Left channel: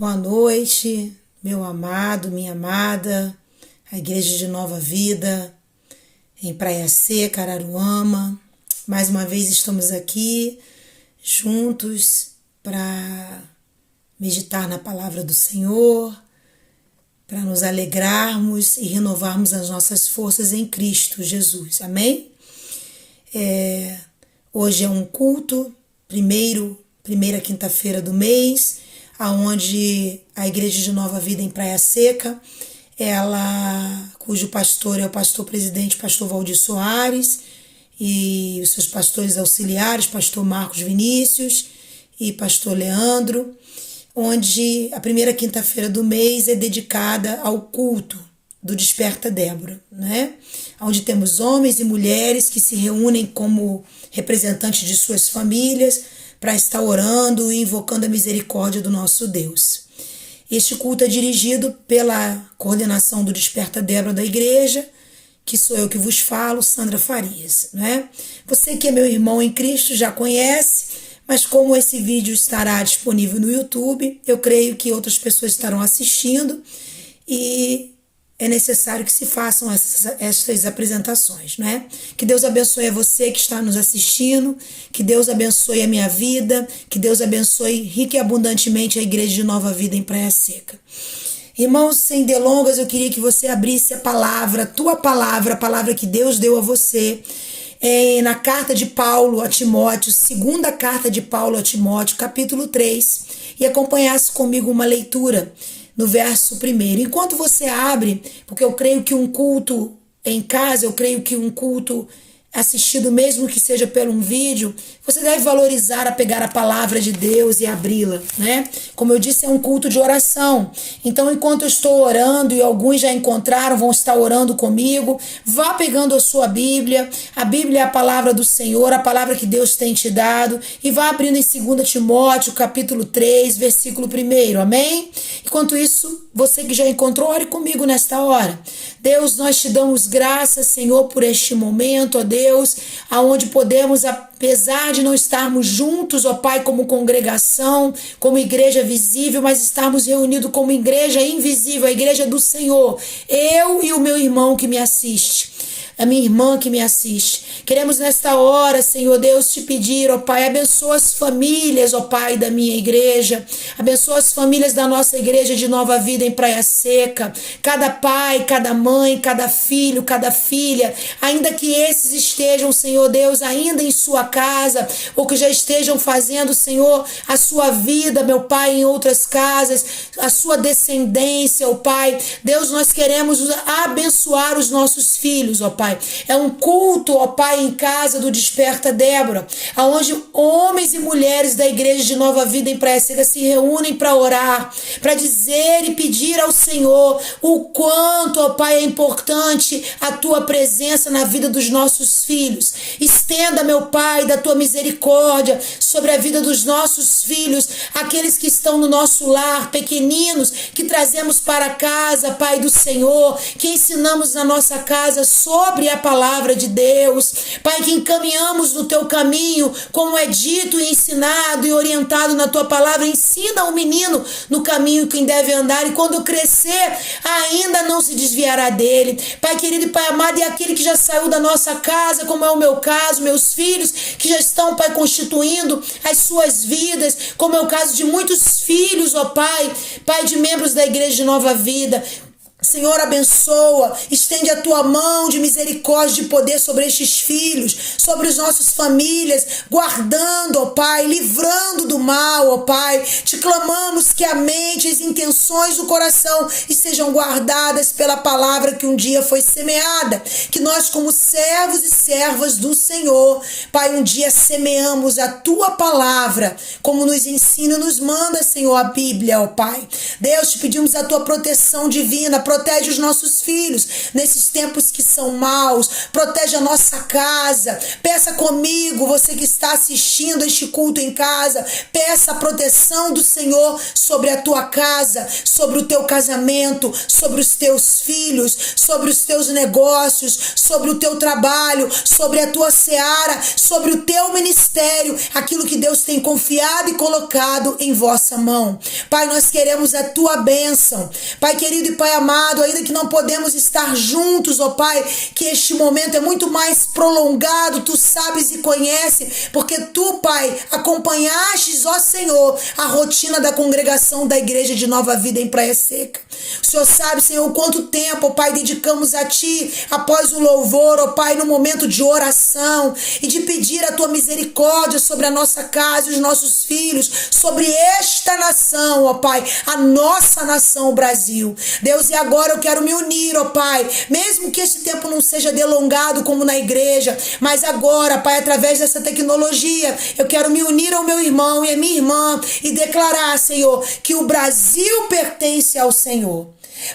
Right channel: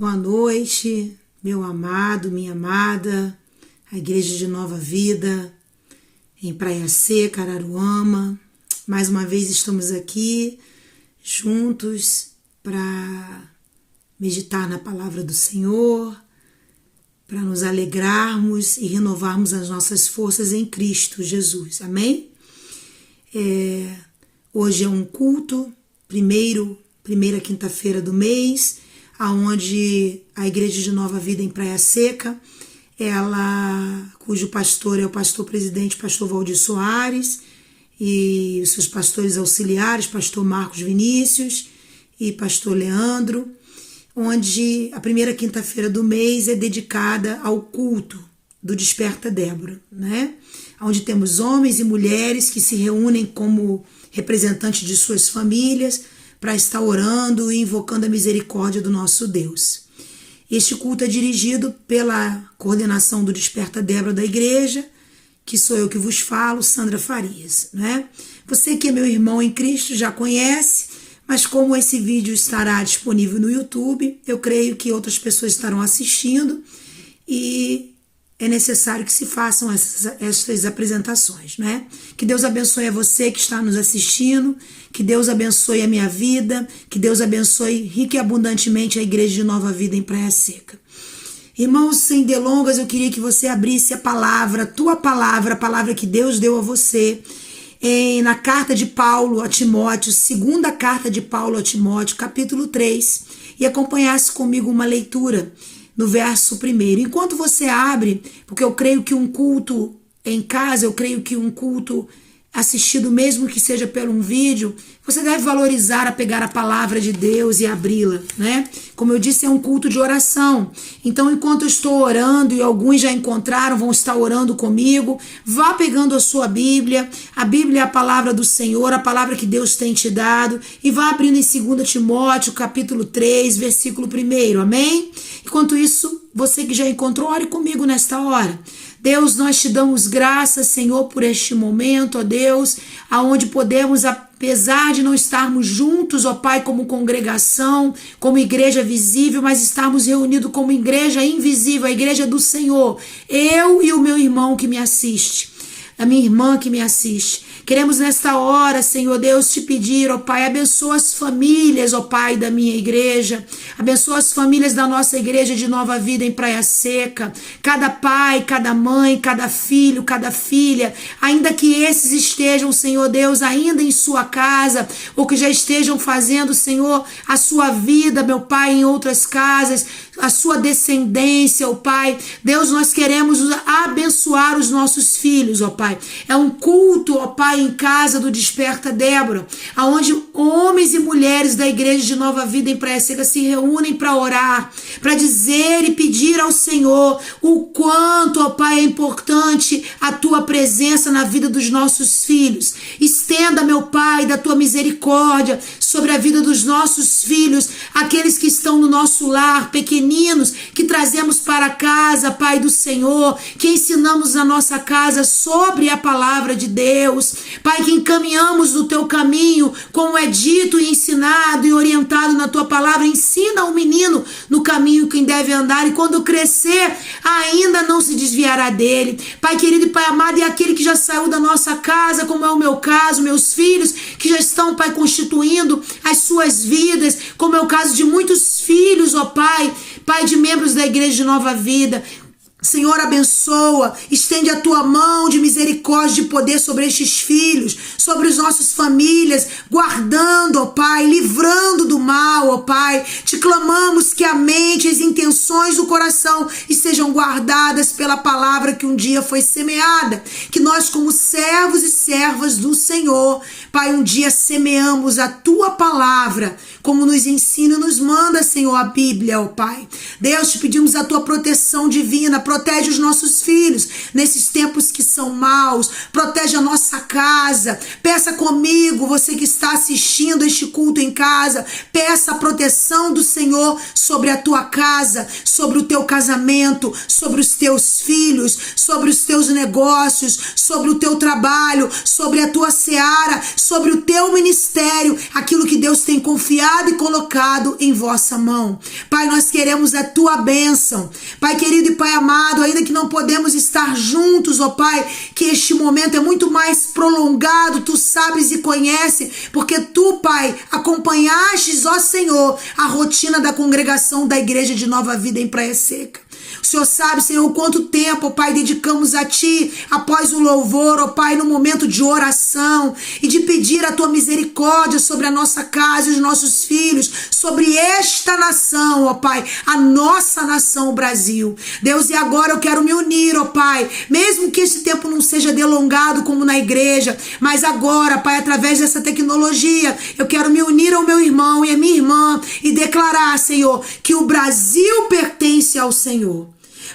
Boa noite, meu amado, minha amada, a Igreja de Nova Vida, em Praia Seca, Araruama. Mais uma vez estamos aqui juntos para meditar na Palavra do Senhor, para nos alegrarmos e renovarmos as nossas forças em Cristo Jesus. Amém? Hoje é um culto, primeira quinta-feira do mês, aonde a Igreja de Nova Vida em Praia Seca, cujo pastor é o pastor presidente, pastor Valdir Soares, e os seus pastores auxiliares, pastor Marcos Vinícius e pastor Leandro, onde a primeira quinta-feira do mês é dedicada ao culto do Desperta Débora, né? Onde temos homens e mulheres que se reúnem como representantes de suas famílias para estar orando e invocando a misericórdia do nosso Deus. Este culto é dirigido pela coordenação do Desperta Débora da igreja, que sou eu que vos falo, Sandra Farias, né? Você que é meu irmão em Cristo já conhece, mas como esse vídeo estará disponível no YouTube, eu creio que outras pessoas estarão assistindo e é necessário que se façam essas apresentações, né? Que Deus abençoe a você que está nos assistindo, que Deus abençoe a minha vida, que Deus abençoe rica e abundantemente a Igreja de Nova Vida em Praia Seca. Irmãos, sem delongas, eu queria que você abrisse a palavra, a palavra que Deus deu a você, na carta de Paulo a Timóteo, segunda carta de Paulo a Timóteo, capítulo 3, e acompanhasse comigo uma leitura no verso 1. Enquanto você abre, porque eu creio que um culto em casa, eu creio que um culto assistido, mesmo que seja por um vídeo, você deve valorizar a pegar a palavra de Deus e abri-la, né? Como eu disse, é um culto de oração. Então, enquanto eu estou orando, e alguns já encontraram, vão estar orando comigo, vá pegando a sua Bíblia. A Bíblia é a palavra do Senhor, a palavra que Deus tem te dado, e vá abrindo em 2 Timóteo, capítulo 3, versículo 1, amém? Enquanto isso, você que já encontrou, ore comigo nesta hora. Deus, nós te damos graças, Senhor, por este momento, ó Deus, aonde podemos, apesar de não estarmos juntos, ó Pai, como congregação, como igreja visível, mas estarmos reunidos como igreja invisível, a igreja do Senhor, eu e o meu irmão que me assiste, a minha irmã que me assiste. Queremos nesta hora, Senhor Deus, te pedir, ó Pai, abençoa as famílias, ó Pai, da minha igreja, abençoa as famílias da nossa igreja de Nova Vida em Praia Seca, cada pai, cada mãe, cada filho, cada filha, ainda que esses estejam, Senhor Deus, ainda em sua casa, ou que já estejam fazendo, Senhor, a sua vida, meu Pai, em outras casas, a sua descendência, ó Pai. Deus, nós queremos abençoar os nossos filhos, ó Pai. É um culto, ó Pai, em casa do Desperta Débora, onde homens e mulheres da igreja de Nova Vida em Praia Seca se reúnem para orar, para dizer e pedir ao Senhor o quanto, ó Pai, é importante a tua presença na vida dos nossos filhos. Estenda, meu Pai, da tua misericórdia sobre a vida dos nossos filhos, aqueles que estão no nosso lar, pequeninos, que trazemos para casa, Pai do Senhor, que ensinamos na nossa casa sobre a palavra de Deus. Pai, que encaminhamos no teu caminho, como é dito e ensinado e orientado na tua palavra. Ensina o menino no caminho que deve andar, e quando crescer, ainda não se desviará dele. Pai querido e Pai amado, e aquele que já saiu da nossa casa, como é o meu caso, meus filhos, que já estão, Pai, constituindo as suas vidas, como é o caso de muitos filhos, ó Pai, Pai, de membros da Igreja de Nova Vida. Senhor, abençoa, estende a tua mão de misericórdia, de poder sobre estes filhos, sobre as nossas famílias, guardando, ó Pai, livrando do mal, ó Pai. Te clamamos que a mente e as intenções do coração estejam guardadas pela palavra que um dia foi semeada, que nós, como servos e servas do Senhor, Pai, um dia semeamos a tua palavra, como nos ensina e nos manda, Senhor, a Bíblia, ó Pai. Deus, te pedimos a tua proteção divina, protege os nossos filhos nesses tempos que são maus, protege a nossa casa. Peça comigo, você que está assistindo este culto em casa, peça a proteção do Senhor sobre a tua casa, sobre o teu casamento, sobre os teus filhos, sobre os teus negócios, sobre o teu trabalho, sobre a tua seara, sobre o teu ministério, aquilo que Deus tem confiado e colocado em vossa mão. Pai, nós queremos a tua bênção. Pai querido e Pai amado, ainda que não podemos estar juntos, ó Pai, que este momento é muito mais prolongado, tu sabes e conhece, porque tu, Pai, acompanhastes, ó Senhor, a rotina da congregação da Igreja de Nova Vida em Praia Seca. O Senhor sabe, Senhor, quanto tempo, ó Pai, dedicamos a Ti após o louvor, ó Pai, no momento de oração e de pedir a Tua misericórdia sobre a nossa casa e os nossos filhos, sobre esta nação, ó Pai, a nossa nação, o Brasil. Deus, e agora eu quero me unir, ó Pai, mesmo que esse tempo não seja delongado como na igreja, mas agora, Pai, através dessa tecnologia, eu quero me unir ao meu irmão e à minha irmã e declarar, Senhor, que o Brasil pertence ao Senhor.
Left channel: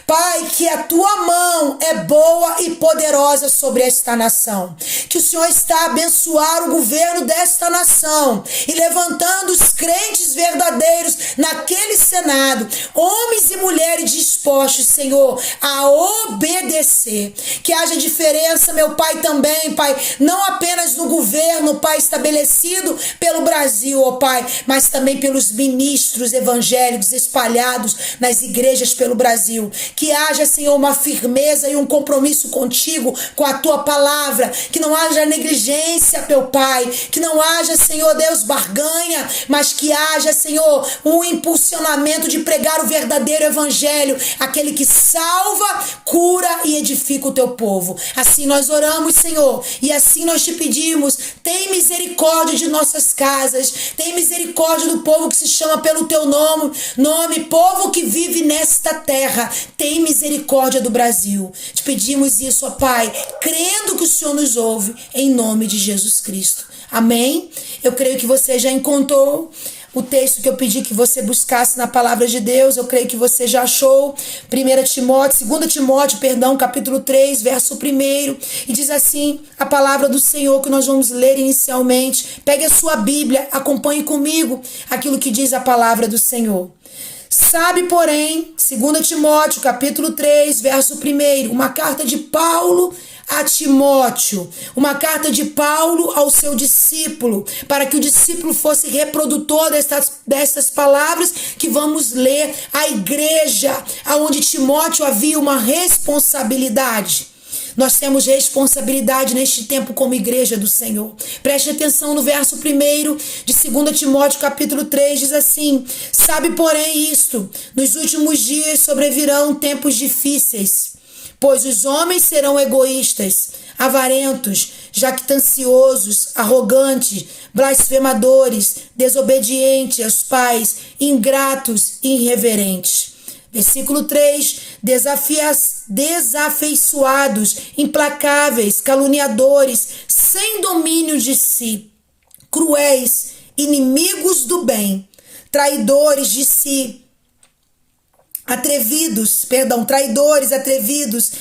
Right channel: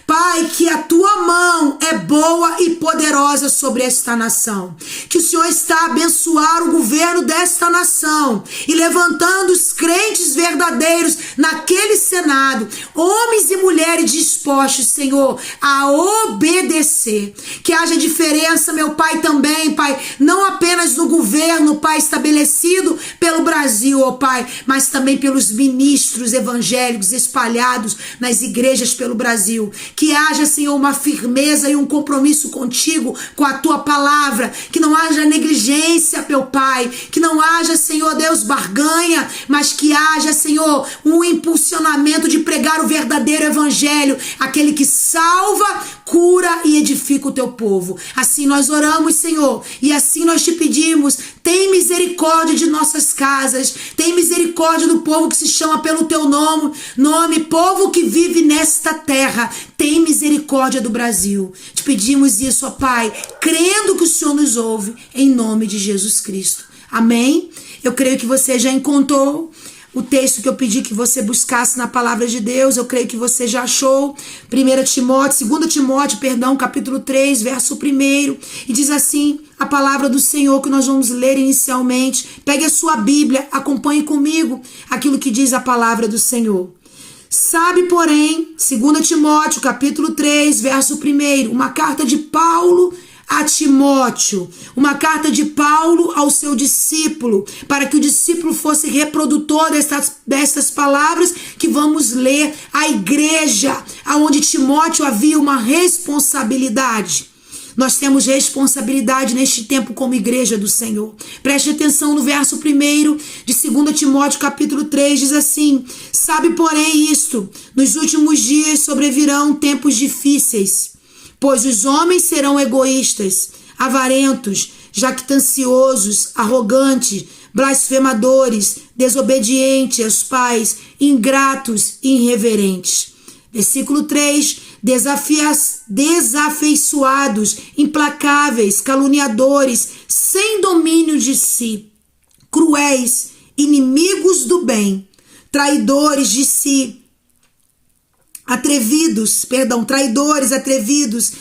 Pai, que a tua mão é boa e poderosa sobre esta nação. Que o Senhor está a abençoar o governo desta nação e levantando os crentes verdadeiros naquele Senado, homens e mulheres dispostos, Senhor, a obedecer. Que haja diferença, meu Pai, também, Pai, não apenas no governo, Pai, estabelecido pelo Brasil, ó Pai, mas também pelos ministros evangélicos espalhados nas igrejas pelo Brasil. Que haja, Senhor, uma firmeza e um compromisso contigo, com a tua palavra, que não haja negligência, meu Pai, que não haja, Senhor Deus, barganha, mas que haja, Senhor, um impulsionamento de pregar o verdadeiro evangelho, aquele que salva, cura e edifica o teu povo. Assim nós oramos, Senhor, e assim nós te pedimos, tem misericórdia de nossas casas, tem misericórdia do povo que se chama pelo teu nome, povo que vive nesta terra. Tem misericórdia do Brasil. Te pedimos isso, ó Pai, crendo que o Senhor nos ouve, em nome de Jesus Cristo. Amém? Eu creio que você já encontrou o texto que eu pedi que você buscasse na palavra de Deus. Eu creio que você já achou. 2 Timóteo, capítulo 3, verso 1. E diz assim a palavra do Senhor que nós vamos ler inicialmente. Pegue a sua Bíblia, acompanhe comigo aquilo que diz a palavra do Senhor. Sabe, porém, 2 Timóteo, capítulo 3, verso 1, uma carta de Paulo a Timóteo, uma carta de Paulo ao seu discípulo, para que o discípulo fosse reprodutor destas palavras que vamos ler à igreja, aonde Timóteo havia uma responsabilidade. Nós temos responsabilidade neste tempo como igreja do Senhor. Preste atenção no verso 1 de 2 Timóteo capítulo 3, diz assim: sabe, porém, isto, nos últimos dias sobrevirão tempos difíceis, pois os homens serão egoístas, avarentos, jactanciosos, arrogantes, blasfemadores, desobedientes aos pais, ingratos e irreverentes. Versículo 3, desafeiçoados, implacáveis, caluniadores, sem domínio de si, cruéis, inimigos do bem, traidores de si, traidores, atrevidos,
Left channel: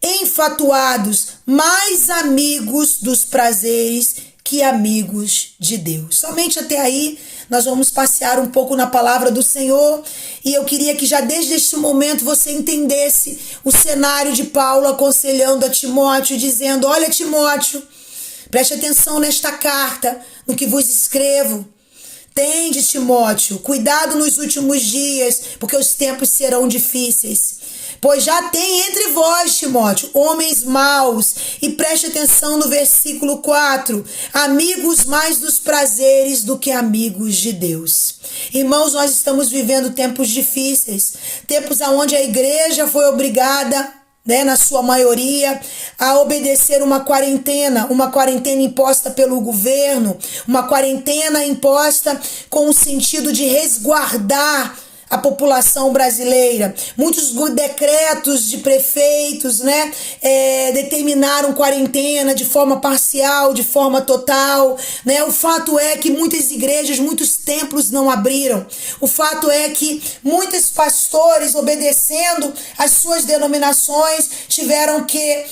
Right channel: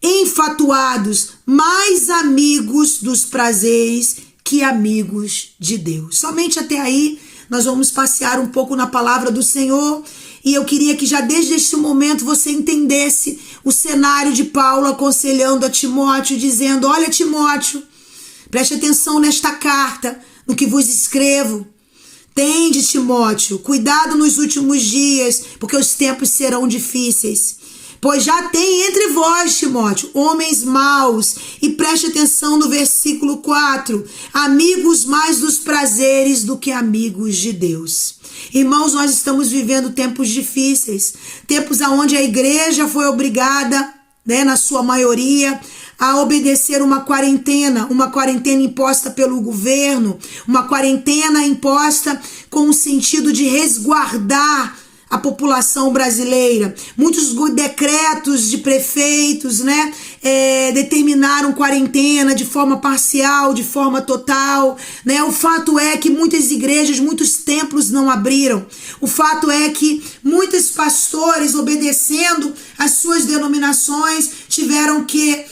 enfatuados, mais amigos dos prazeres que amigos de Deus. Somente até aí nós vamos passear um pouco na palavra do Senhor. E eu queria que já desde este momento você entendesse o cenário de Paulo aconselhando a Timóteo, dizendo: olha, Timóteo, preste atenção nesta carta, no que vos escrevo. Tende, Timóteo, cuidado nos últimos dias, porque os tempos serão difíceis. Pois já tem entre vós, Timóteo, homens maus. E preste atenção no versículo 4. Amigos mais dos prazeres do que amigos de Deus. Irmãos, nós estamos vivendo tempos difíceis. Tempos onde a igreja foi obrigada, na sua maioria, a obedecer uma quarentena imposta pelo governo, uma quarentena imposta com o sentido de resguardar a população brasileira. Muitos decretos de prefeitos, né, determinaram quarentena de forma parcial, de forma total, né? O fato é que muitas igrejas, muitos templos não abriram. O fato é que muitos pastores, obedecendo às suas denominações, tiveram que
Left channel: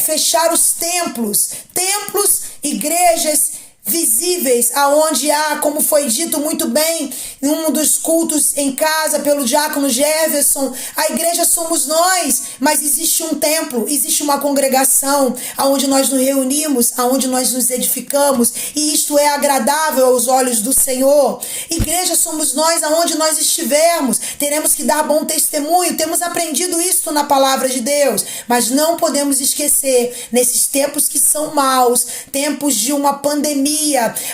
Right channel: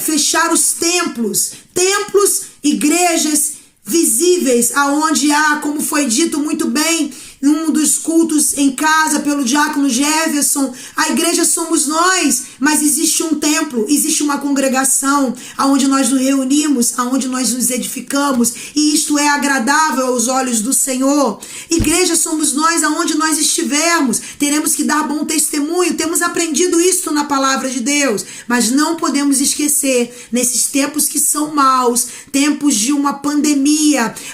fechar os templos, igrejas visíveis, aonde há, como foi dito muito bem em um dos cultos em casa pelo diácono Jefferson, a igreja somos nós, mas existe um templo, existe uma congregação aonde nós nos reunimos, aonde nós nos edificamos, e isto é agradável aos olhos do Senhor. Igreja somos nós, aonde nós estivermos, teremos que dar bom testemunho, temos aprendido isso na palavra de Deus, mas não podemos esquecer, nesses tempos que são maus, tempos de uma pandemia,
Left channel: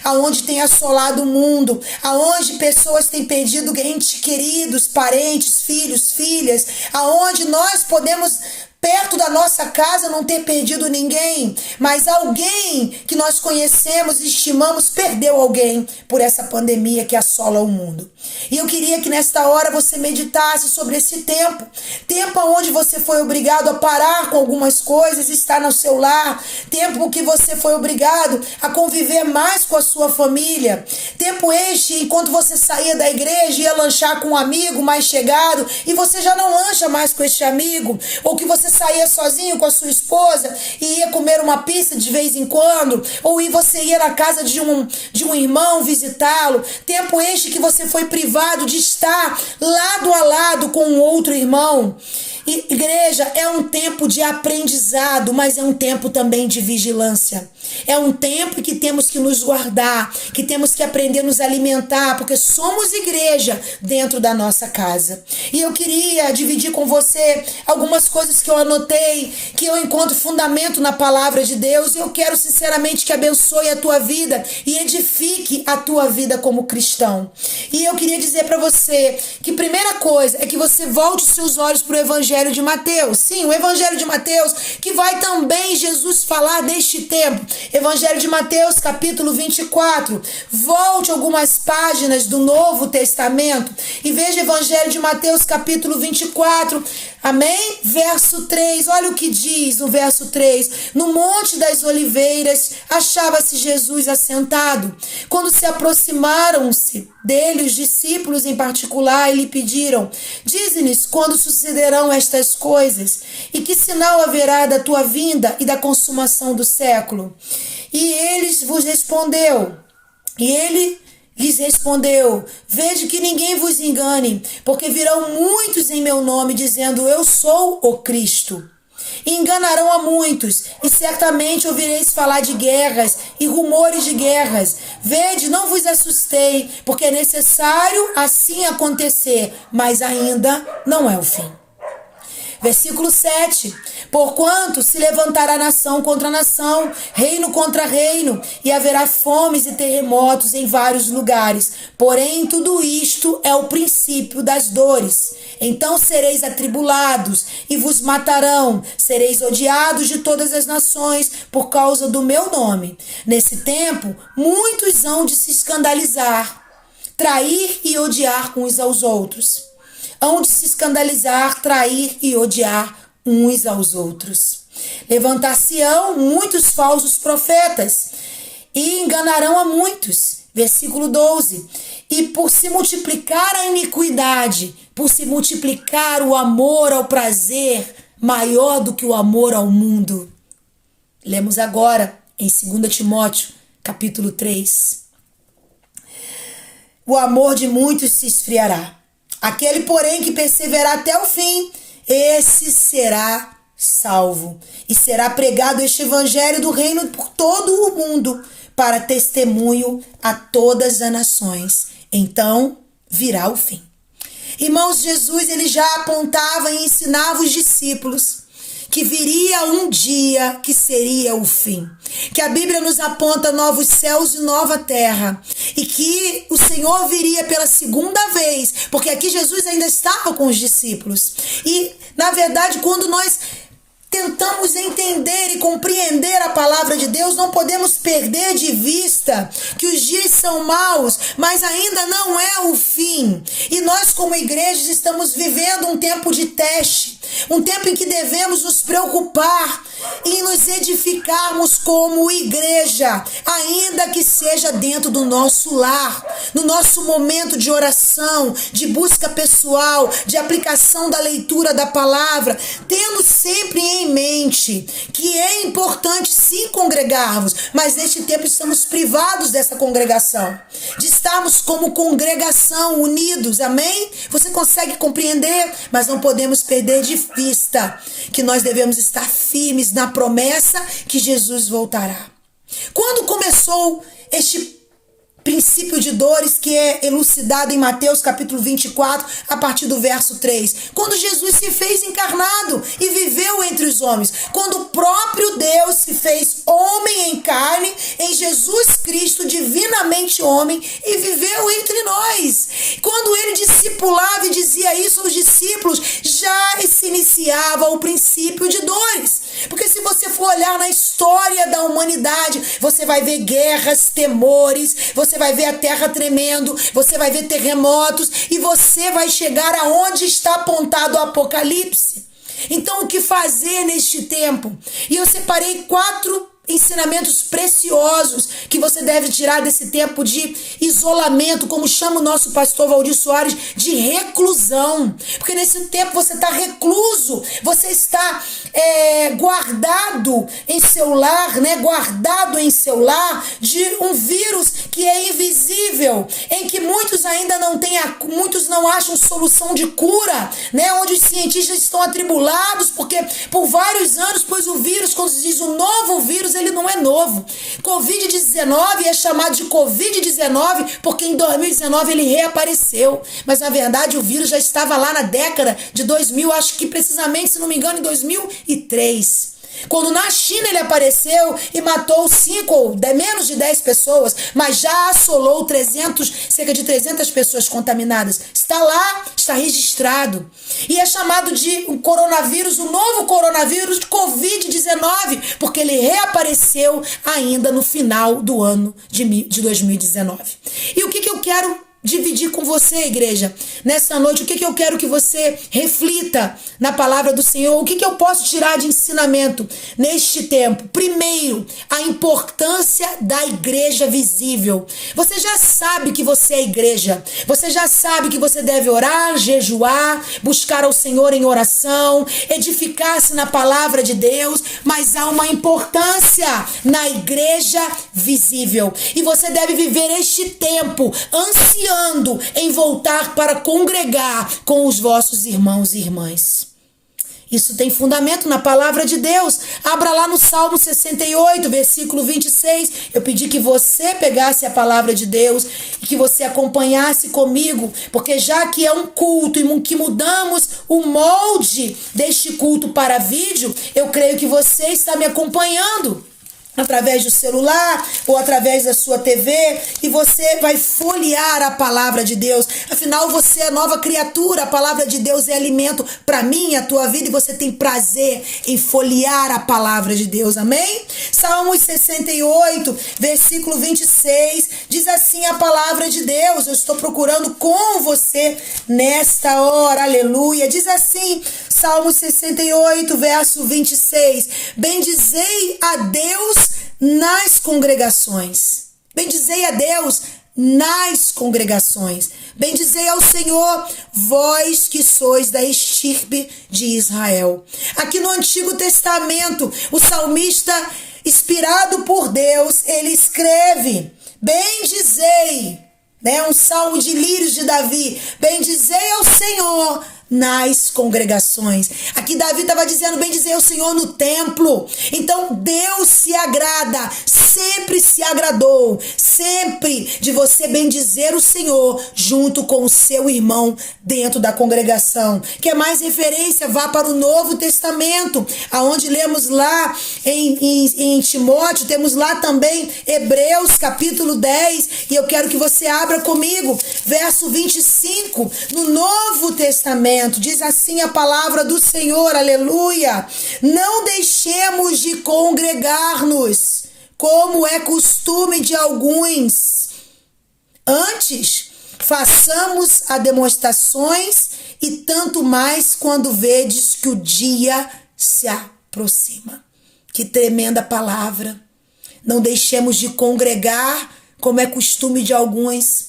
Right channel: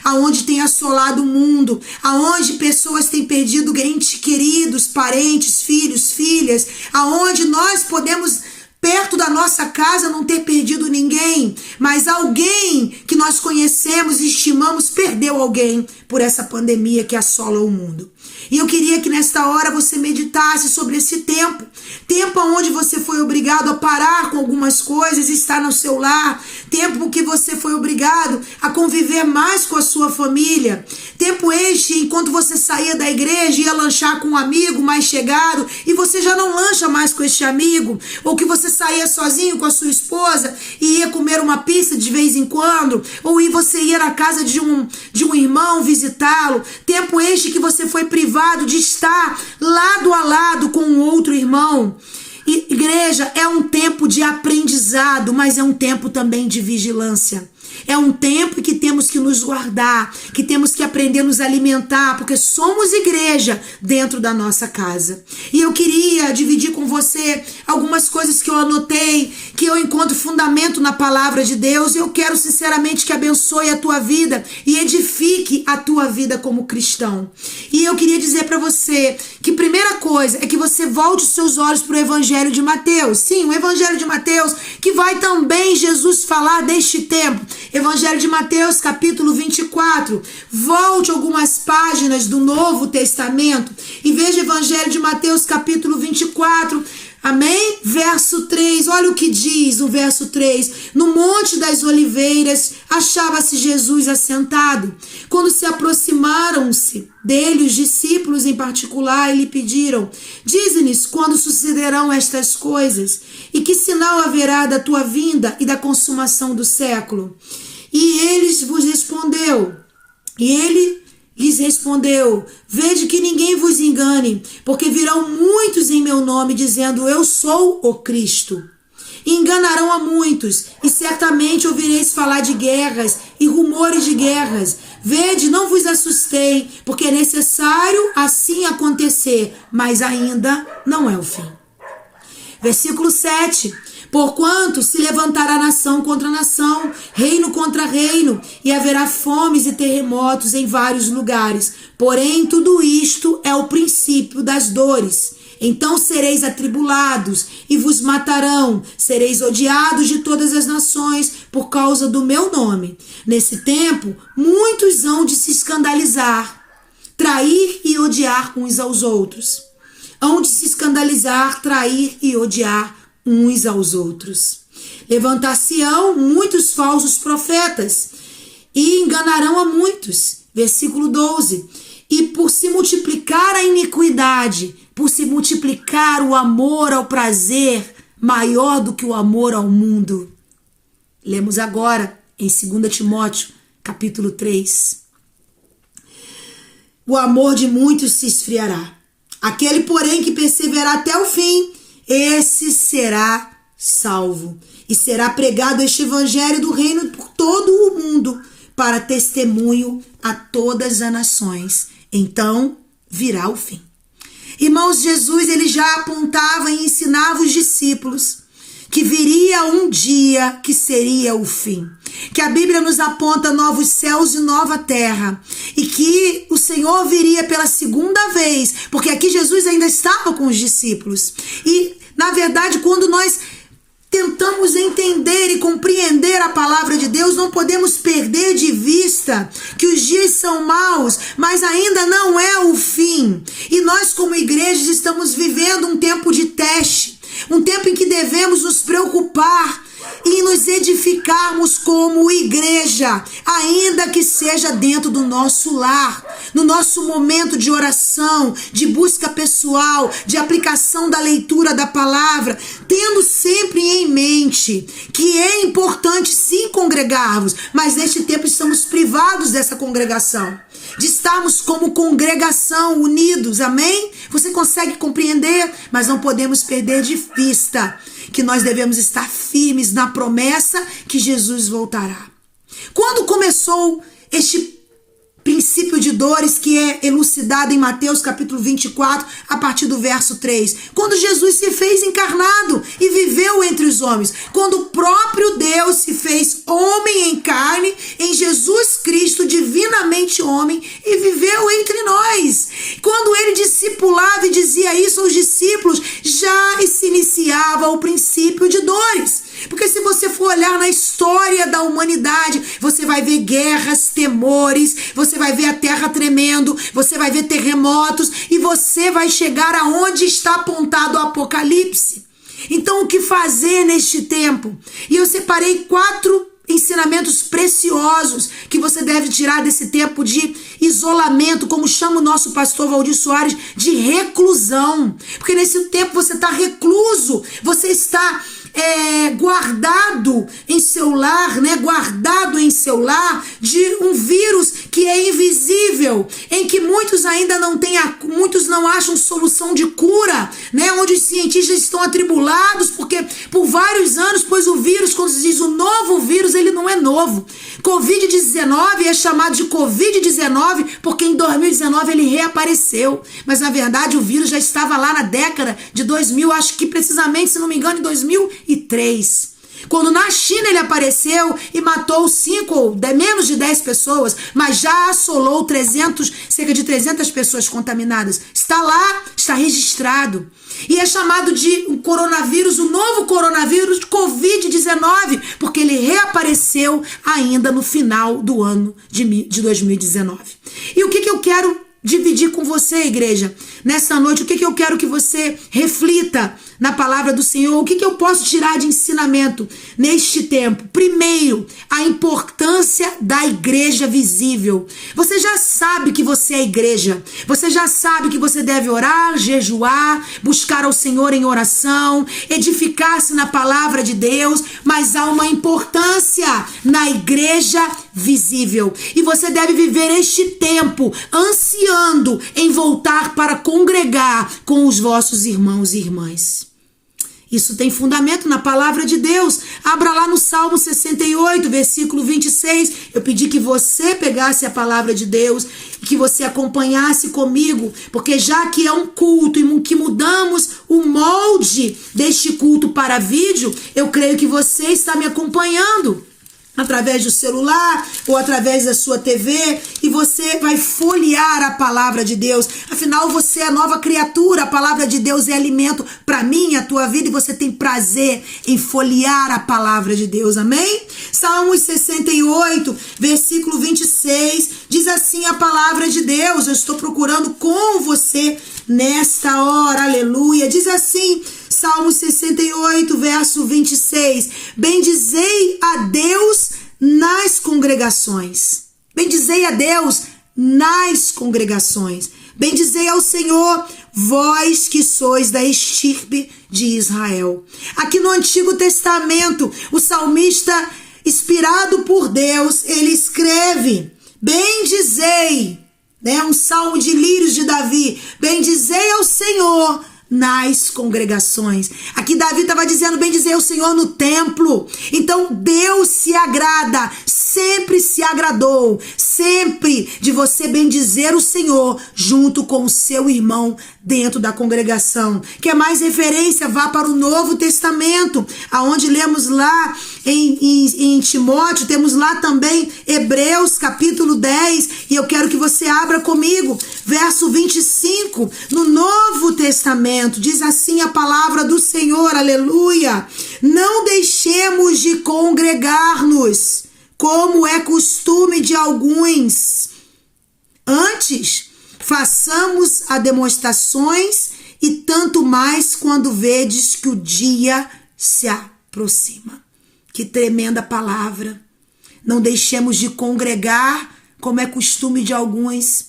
aonde tem assolado o mundo, aonde pessoas têm perdido entes queridos, parentes, filhos, filhas, aonde nós podemos, perto da nossa casa, não ter perdido ninguém, mas alguém que nós conhecemos e estimamos perdeu alguém por essa pandemia que assola o mundo. E eu queria que nesta hora você meditasse sobre esse tempo onde você foi obrigado a parar com algumas coisas, estar no seu lar, tempo que você foi obrigado a conviver mais com a sua família, tempo este enquanto você saía da igreja e ia lanchar com um amigo mais chegado e você já não lancha mais com este amigo, ou que você saía sozinho com a sua esposa e ia comer uma pizza de vez em quando, ou você ia na casa de um irmão visitá-lo, tempo este que você foi privado de estar lado a lado com um outro irmão. Igreja, é um tempo de aprendizado, mas é um tempo também de vigilância. É um tempo que temos que nos guardar, que temos que aprender a nos alimentar, porque somos igreja dentro da nossa casa. E eu queria dividir com você algumas coisas que eu anotei, que eu encontro fundamento na palavra de Deus, e eu quero sinceramente que abençoe a tua vida e edifique a tua vida como cristão. E eu queria dizer para você que primeira coisa é que você volte os seus olhos para o Evangelho de Mateus. Sim, o Evangelho de Mateus, que vai também Jesus falar deste tempo. Evangelho de Mateus, capítulo 24. Volte algumas páginas do Novo Testamento e veja Evangelho de Mateus, capítulo 24. Amém? Verso 3, olha o que diz o verso 3. No Monte das Oliveiras achava-se Jesus assentado. Quando se aproximaram-se dele os discípulos em particular e lhe pediram: dize-nos quando sucederão estas coisas e que sinal haverá da tua vinda e da consumação do século. E ele lhes respondeu: vede que ninguém vos engane, porque virão muitos em meu nome, dizendo: eu sou o Cristo. E enganarão a muitos, e certamente ouvireis falar de guerras e rumores de guerras. Vede, não vos assustei, porque é necessário assim acontecer, mas ainda não é o fim. Versículo 7. Porquanto se levantará nação contra nação, reino contra reino, e haverá fomes e terremotos em vários lugares. Porém, tudo isto é o princípio das dores. Então sereis atribulados e vos matarão, sereis odiados de todas as nações por causa do meu nome. Nesse tempo, muitos hão de se escandalizar, trair e odiar uns aos outros. Hão de se escandalizar, trair e odiar uns aos outros. Levantar-se-ão muitos falsos profetas e enganarão a muitos. Versículo 12. E por se multiplicar a iniquidade, por se multiplicar o amor ao prazer, maior do que o amor ao mundo. Lemos agora em 2 Timóteo, capítulo 3. O amor de muitos se esfriará. Aquele, porém, que perseverar até o fim, esse será salvo. E será pregado este evangelho do reino por todo o mundo, para testemunho a todas as nações. Então virá o fim. Irmãos, Jesus ele já apontava e ensinava os discípulos que viria um dia que seria o fim. Que a Bíblia nos aponta novos céus e nova terra. E que o Senhor viria pela segunda vez. Porque aqui Jesus ainda estava com os discípulos. E, na verdade, quando nós tentamos entender e compreender a palavra de Deus, não podemos perder de vista que os dias são maus, mas ainda não é o fim. E nós, como igrejas, estamos vivendo um tempo de teste, um tempo em que devemos nos preocupar e nos edificarmos como igreja, ainda que seja dentro do nosso lar, no nosso momento de oração, de busca pessoal, de aplicação da leitura da palavra, tendo sempre em mente que é importante sim congregarmos, mas neste tempo estamos privados dessa congregação, de estarmos como congregação unidos, amém? Você consegue compreender? Mas não podemos perder de vista que nós devemos estar firmes na promessa que Jesus voltará. Quando começou este princípio de dores que é elucidado em Mateus capítulo 24, a partir do verso 3. Quando Jesus se fez encarnado e viveu entre os homens. Quando o próprio Deus se fez homem em carne, em Jesus Cristo, divinamente homem, e viveu entre nós. Quando ele discipulava e dizia isso aos discípulos, já se iniciava o princípio de dores. Porque se você for olhar na história da humanidade, você vai ver guerras, temores, você vai ver a terra tremendo, você vai ver terremotos e você vai chegar aonde está apontado o Apocalipse. Então, o que fazer neste tempo? E eu separei 4 ensinamentos preciosos que você deve tirar desse tempo de isolamento, como chama o nosso pastor Valdir Soares, de reclusão. Porque nesse tempo você está recluso, você está guardado em seu lar, né? Guardado em seu lar de um vírus que é invisível, em que muitos ainda não têm, muitos não acham solução de cura, né? Onde os cientistas estão atribulados, porque por vários anos, pois o vírus, quando se diz o novo vírus, ele não é novo. Covid-19 é chamado de Covid-19 porque em 2019 ele reapareceu. Mas na verdade o vírus já estava lá na década de 2000, acho que precisamente, se não me engano, em 2003. Quando na China ele apareceu e matou 5 ou menos de 10 pessoas, mas já assolou cerca de 300 pessoas contaminadas. Está lá, está registrado. E é chamado de um coronavírus, o novo coronavírus de Covid-19, porque ele reapareceu ainda no final do ano de 2019. E o que eu quero dividir com você, igreja, nessa noite? O que eu quero que você reflita na palavra do Senhor? O que eu posso tirar de ensinamento neste tempo? Primeiro, a importância da igreja visível. Você já sabe que você é igreja. Você já sabe que você deve orar, jejuar, buscar ao Senhor em oração, edificar-se na palavra de Deus, mas há uma importância na igreja visível. E você deve viver este tempo ansiando em voltar para congregar com os vossos irmãos e irmãs. Isso tem fundamento na palavra de Deus. Abra lá no Salmo 68, versículo 26. Eu pedi que você pegasse a palavra de Deus e que você acompanhasse comigo, porque já que é um culto e que mudamos o molde deste culto para vídeo, eu creio que você está me acompanhando através do celular ou através da sua TV, e você vai folhear a palavra de Deus. Afinal, você é nova criatura, a palavra de Deus é alimento para mim e a tua vida, e você tem prazer em folhear a palavra de Deus, amém? Salmos 68, versículo 26, diz assim a palavra de Deus. Eu estou procurando com você nesta hora, aleluia. Diz assim, Salmos 68, verso 26, bendizei a Deus nas congregações. Bendizei a Deus nas congregações. Bendizei ao Senhor, vós que sois da estirpe de Israel. Aqui no Antigo Testamento, o salmista, inspirado por Deus, ele escreve, bendizei, né? Um salmo de lírios de Davi, bendizei ao Senhor nas congregações. Aqui Davi estava dizendo, bendizei o Senhor no templo. Então Deus se agrada, sempre se agradou, sempre de você bendizer o Senhor junto com o seu irmão dentro da congregação. Quer mais referência? Vá para o Novo Testamento, aonde lemos lá em Timóteo, temos lá também Hebreus capítulo 10, e eu quero que você abra comigo, verso 25, no Novo Testamento. momento. Diz assim a palavra do Senhor, aleluia. Não deixemos de congregar-nos, como é costume de alguns. Antes, façamos as demonstrações, e tanto mais quando vedes que o dia se aproxima. Que tremenda palavra. Não deixemos de congregar, como é costume de alguns.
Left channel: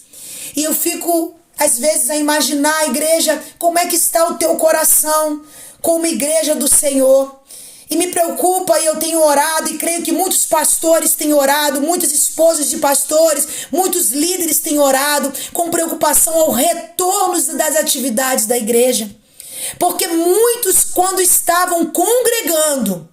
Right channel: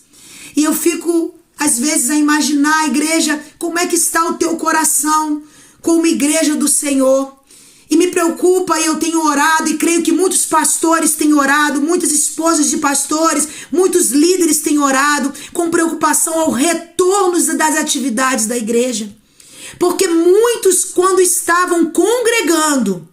E eu fico, às vezes, a imaginar a igreja, como é que está o teu coração como igreja do Senhor. E me preocupa, e eu tenho orado, e creio que muitos pastores têm orado, muitas esposas de pastores, muitos líderes têm orado com preocupação ao retorno das atividades da igreja. Porque muitos, quando estavam congregando,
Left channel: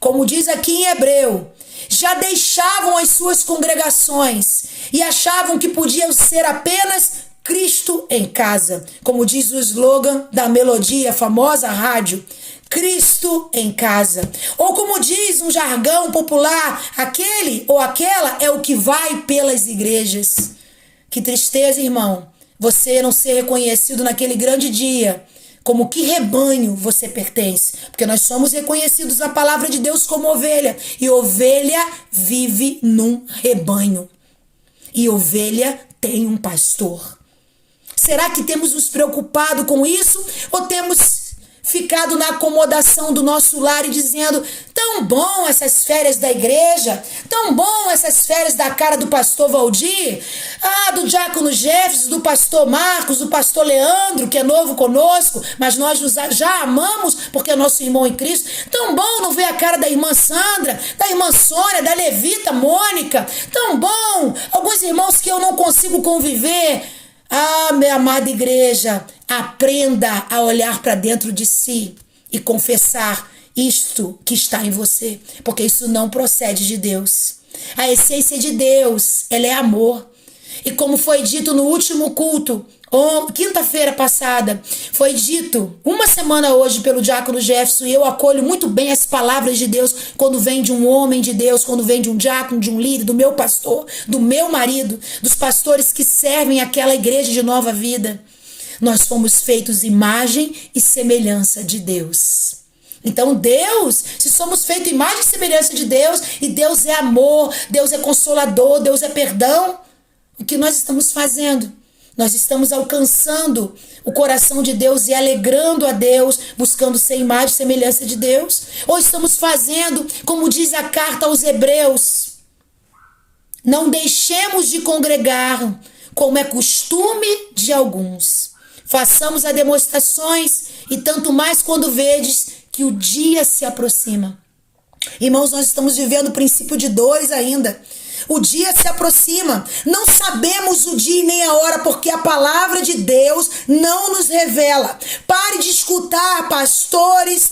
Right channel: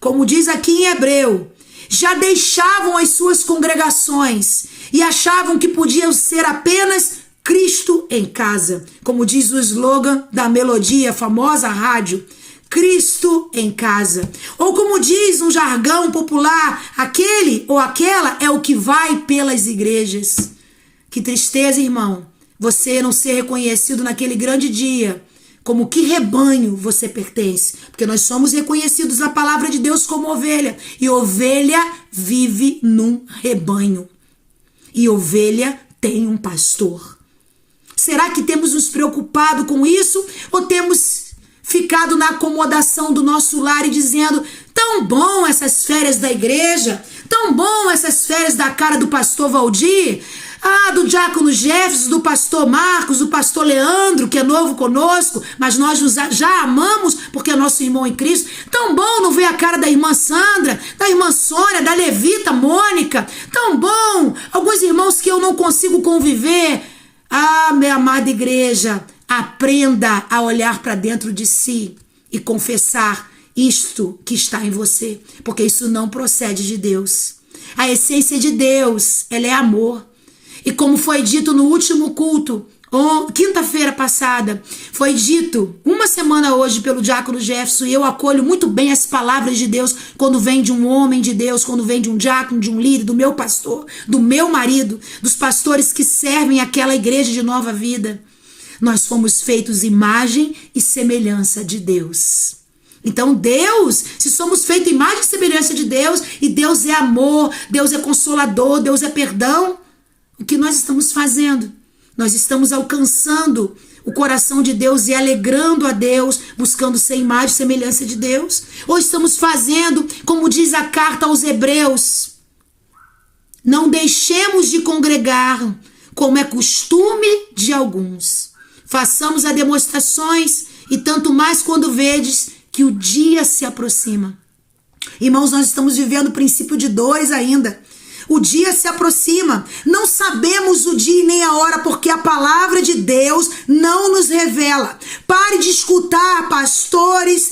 como diz aqui em Hebreu, já deixavam as suas congregações e achavam que podiam ser apenas Cristo em casa. Como diz o slogan da Melodia, a famosa rádio, Cristo em casa. Ou como diz um jargão popular, aquele ou aquela é o que vai pelas igrejas. Que tristeza, irmão, você não ser reconhecido naquele grande dia como que rebanho você pertence. Porque nós somos reconhecidos na palavra de Deus como ovelha. E ovelha vive num rebanho. E ovelha tem um pastor. Será que temos nos preocupado com isso? Ou temos ficado na acomodação do nosso lar e dizendo, tão bom essas férias da igreja, tão bom essas férias da cara do pastor Valdir, do diácono Jefferson, do pastor Marcos, do pastor Leandro, que é novo conosco, mas nós já amamos porque é nosso irmão em Cristo. Tão bom não ver a cara da irmã Sandra, da irmã Sônia, da levita Mônica. Tão bom alguns irmãos que eu não consigo conviver. Minha amada igreja, aprenda a olhar para dentro de si e confessar isto que está em você, porque isso não procede de Deus. A essência de Deus, ela é amor. E como foi dito no último culto, quinta-feira passada, foi dito, uma semana hoje pelo diácono Jefferson, e eu acolho muito bem as palavras de Deus quando vem de um homem de Deus, quando vem de um diácono, de um líder, do meu pastor, do meu marido, dos pastores que servem aquela igreja de Nova Vida. Nós fomos feitos imagem e semelhança de Deus. Então Deus, se somos feitos imagem e semelhança de Deus, e Deus é amor, Deus é consolador, Deus é perdão, o que nós estamos fazendo? Nós estamos alcançando o coração de Deus e alegrando a Deus, buscando ser imagem e semelhança de Deus? Ou estamos fazendo, como diz a carta aos Hebreus, não deixemos de congregar, como é costume de alguns. Façamos as demonstrações, e tanto mais quando vedes que o dia se aproxima. Irmãos, nós estamos vivendo o princípio de dores ainda. O dia se aproxima. Não sabemos o dia e nem a hora, porque a palavra de Deus não nos revela. Pare de escutar pastores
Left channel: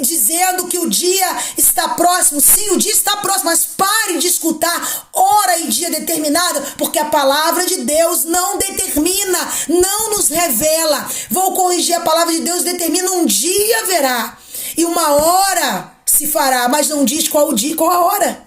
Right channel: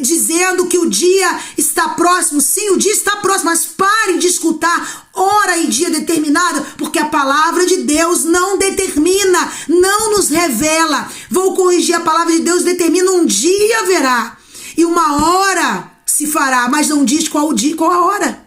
dizendo que o dia está próximo. Sim, o dia está próximo, mas pare de escutar hora e dia determinado, porque a palavra de Deus não determina, não nos revela. Vou corrigir, a palavra de Deus determina um dia haverá e uma hora se fará, mas não diz qual o dia e qual a hora.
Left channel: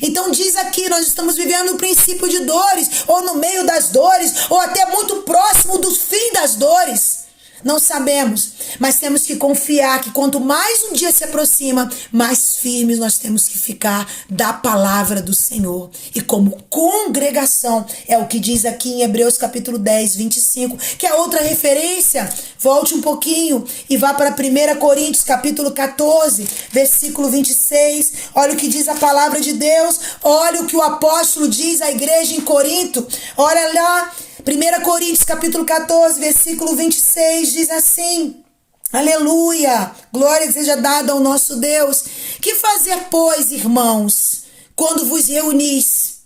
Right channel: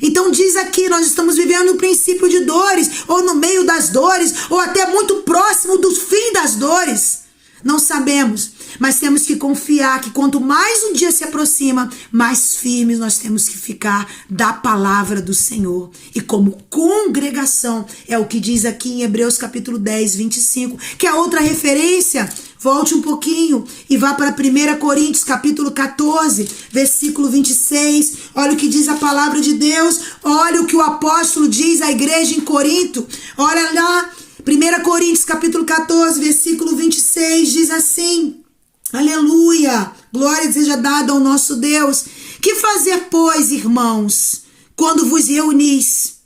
Então diz aqui, nós estamos vivendo o princípio de dores, ou no meio das dores, ou até muito próximo do fim das dores. Não sabemos, mas temos que confiar que quanto mais um dia se aproxima, mais firmes nós temos que ficar da palavra do Senhor. E como congregação, é o que diz aqui em Hebreus capítulo 10, 25, que é outra referência. Volte um pouquinho e vá para 1 Coríntios capítulo 14, versículo 26. Olha o que diz a palavra de Deus. Olha o que o apóstolo diz à igreja em Corinto. Olha lá. 1 Coríntios capítulo 14, versículo 26, diz assim, aleluia, glória seja dada ao nosso Deus. Que fazer, pois, irmãos, quando vos reunis?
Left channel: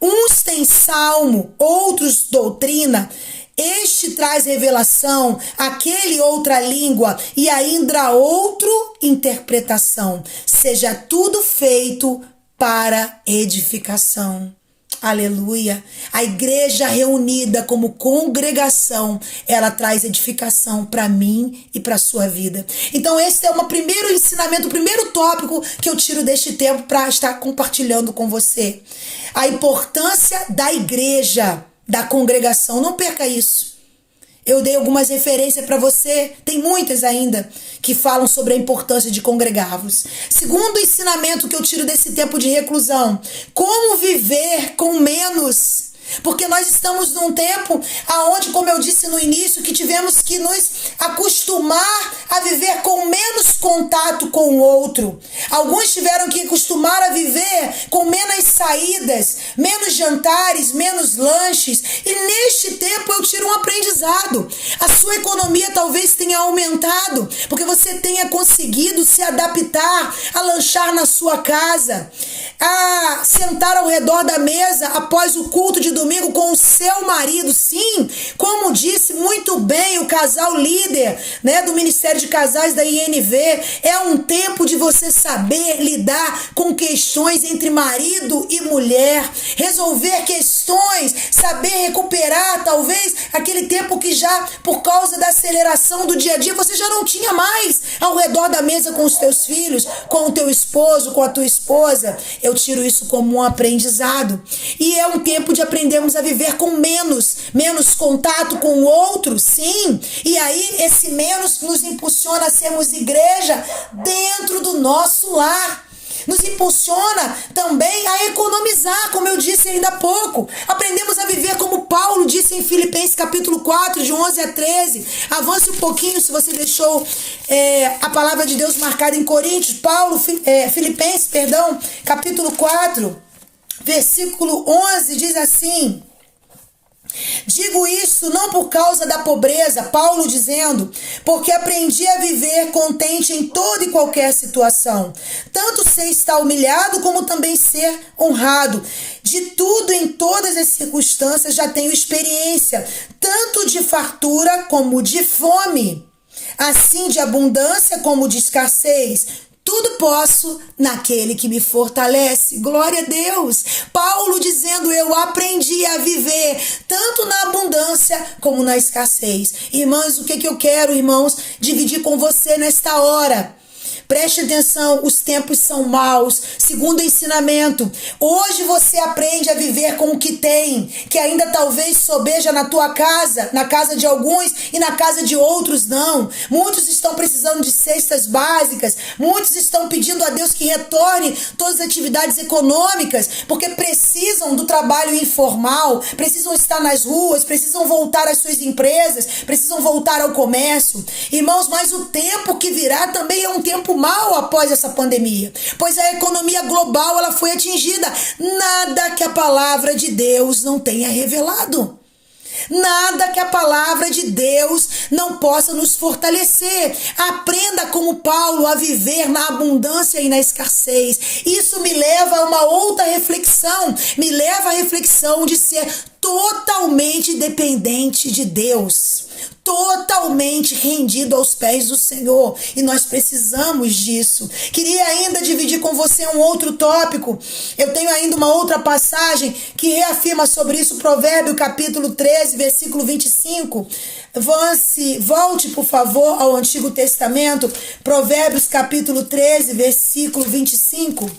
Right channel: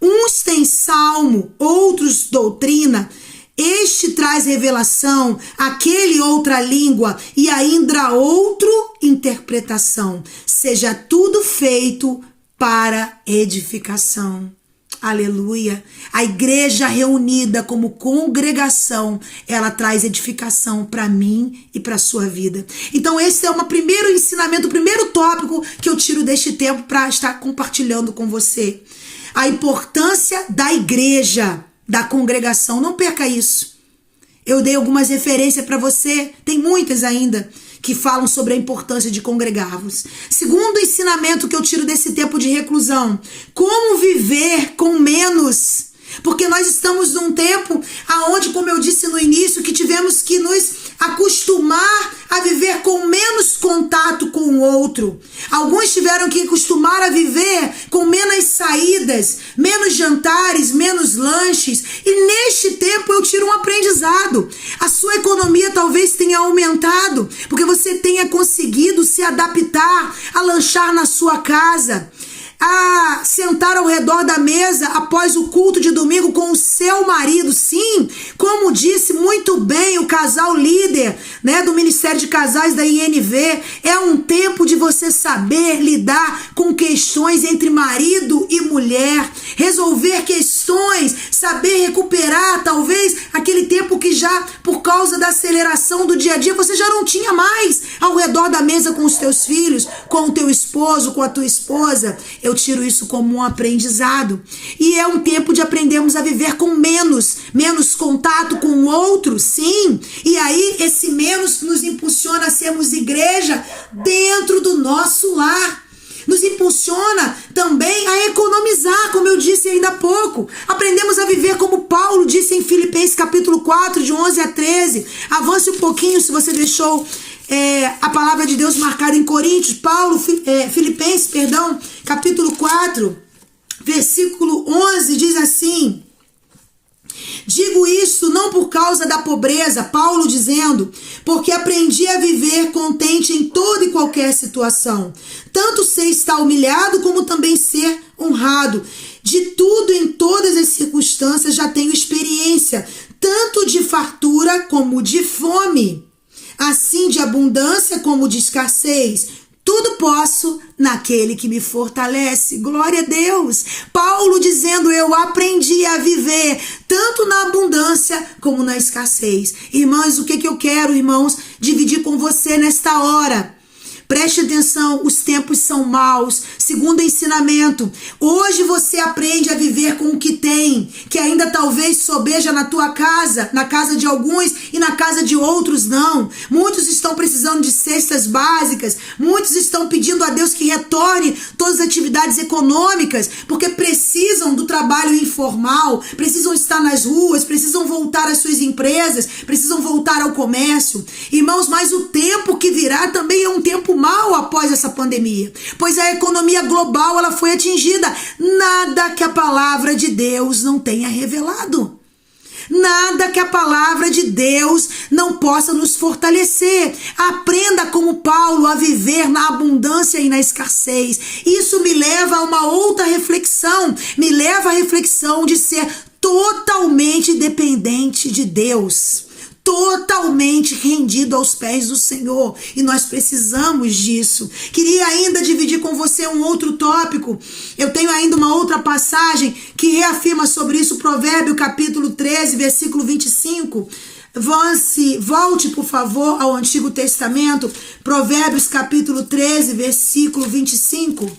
Uns têm salmo, outros doutrina, este traz revelação, aquele outra língua, e ainda outro interpretação. Seja tudo feito para edificação. Aleluia. A igreja reunida como congregação, ela traz edificação para mim e para a sua vida. Então esse é o primeiro ensinamento, o primeiro tópico que eu tiro deste tempo para estar compartilhando com você. A importância da igreja, da congregação. Não perca isso. Eu dei algumas referências para você, tem muitas ainda que falam sobre a importância de congregar-vos. Segundo ensinamento que eu tiro desse tempo de reclusão, como viver com menos. Porque nós estamos num tempo onde, como eu disse no início, que tivemos que nos acostumar a viver com menos contato com o outro. Alguns tiveram que acostumar a viver com menos saídas, menos jantares, menos lanches. E neste tempo eu tiro um aprendizado. A sua economia talvez tenha aumentado, porque você tenha conseguido se adaptar a lanchar na sua casa, a sentar ao redor da mesa após o culto de domingo com o seu marido. Sim, como disse muito bem o casal líder, né, do Ministério de Casais da INV, é um tempo de você saber lidar com questões entre marido e mulher, resolver questões, saber recuperar talvez aquele tempo que já, por causa da aceleração do dia a dia, você já não tinha mais ao redor da mesa com os teus filhos, com o teu esposo, com a tua esposa. Eu tiro isso como um aprendizado. E é um tempo de aprendermos a viver com menos contato com o outro, sim. E aí esse menos nos impulsiona a sermos igreja dentro do nosso lar. Nos impulsiona também a economizar, como eu disse ainda há pouco. Aprendemos a viver como Paulo disse em Filipenses capítulo 4, de 11 a 13. Avance um pouquinho se você deixou a palavra de Deus marcada em Coríntios. Filipenses, capítulo 4, versículo 11, diz assim: digo isso não por causa da pobreza, Paulo dizendo, porque aprendi a viver contente em toda e qualquer situação, tanto ser estar humilhado como também ser honrado. De tudo em todas as circunstâncias já tenho experiência, tanto de fartura como de fome, assim de abundância como de escassez. Tudo posso naquele que me fortalece. Glória a Deus. Paulo dizendo, eu aprendi a viver tanto na abundância como na escassez. Irmãos, o que eu quero, irmãos, dividir com você nesta hora? Preste atenção, os tempos são maus. Segundo ensinamento, hoje você aprende a viver com o que tem, que ainda talvez sobeja na tua casa, na casa de alguns e na casa de outros não. Muitos estão precisando de cestas básicas, muitos estão pedindo a Deus que retorne todas as atividades econômicas, porque precisam do trabalho informal, precisam estar nas ruas, precisam voltar às suas empresas, precisam voltar ao comércio. Irmãos, mas o tempo que virá também é um tempo mal após essa pandemia, pois a economia global ela foi atingida. Nada que a palavra de Deus não tenha revelado. Nada que a palavra de Deus não possa nos fortalecer. Aprenda como Paulo a viver na abundância e na escassez. Isso me leva a uma outra reflexão. Me leva à reflexão de ser totalmente dependente de Deus. Totalmente rendido aos pés do Senhor, e nós precisamos disso. Queria ainda dividir com você um outro tópico. Eu tenho ainda uma outra passagem que reafirma sobre isso, Provérbio capítulo 13, versículo 25. Volte, por favor, ao Antigo Testamento, Provérbios capítulo 13, versículo 25.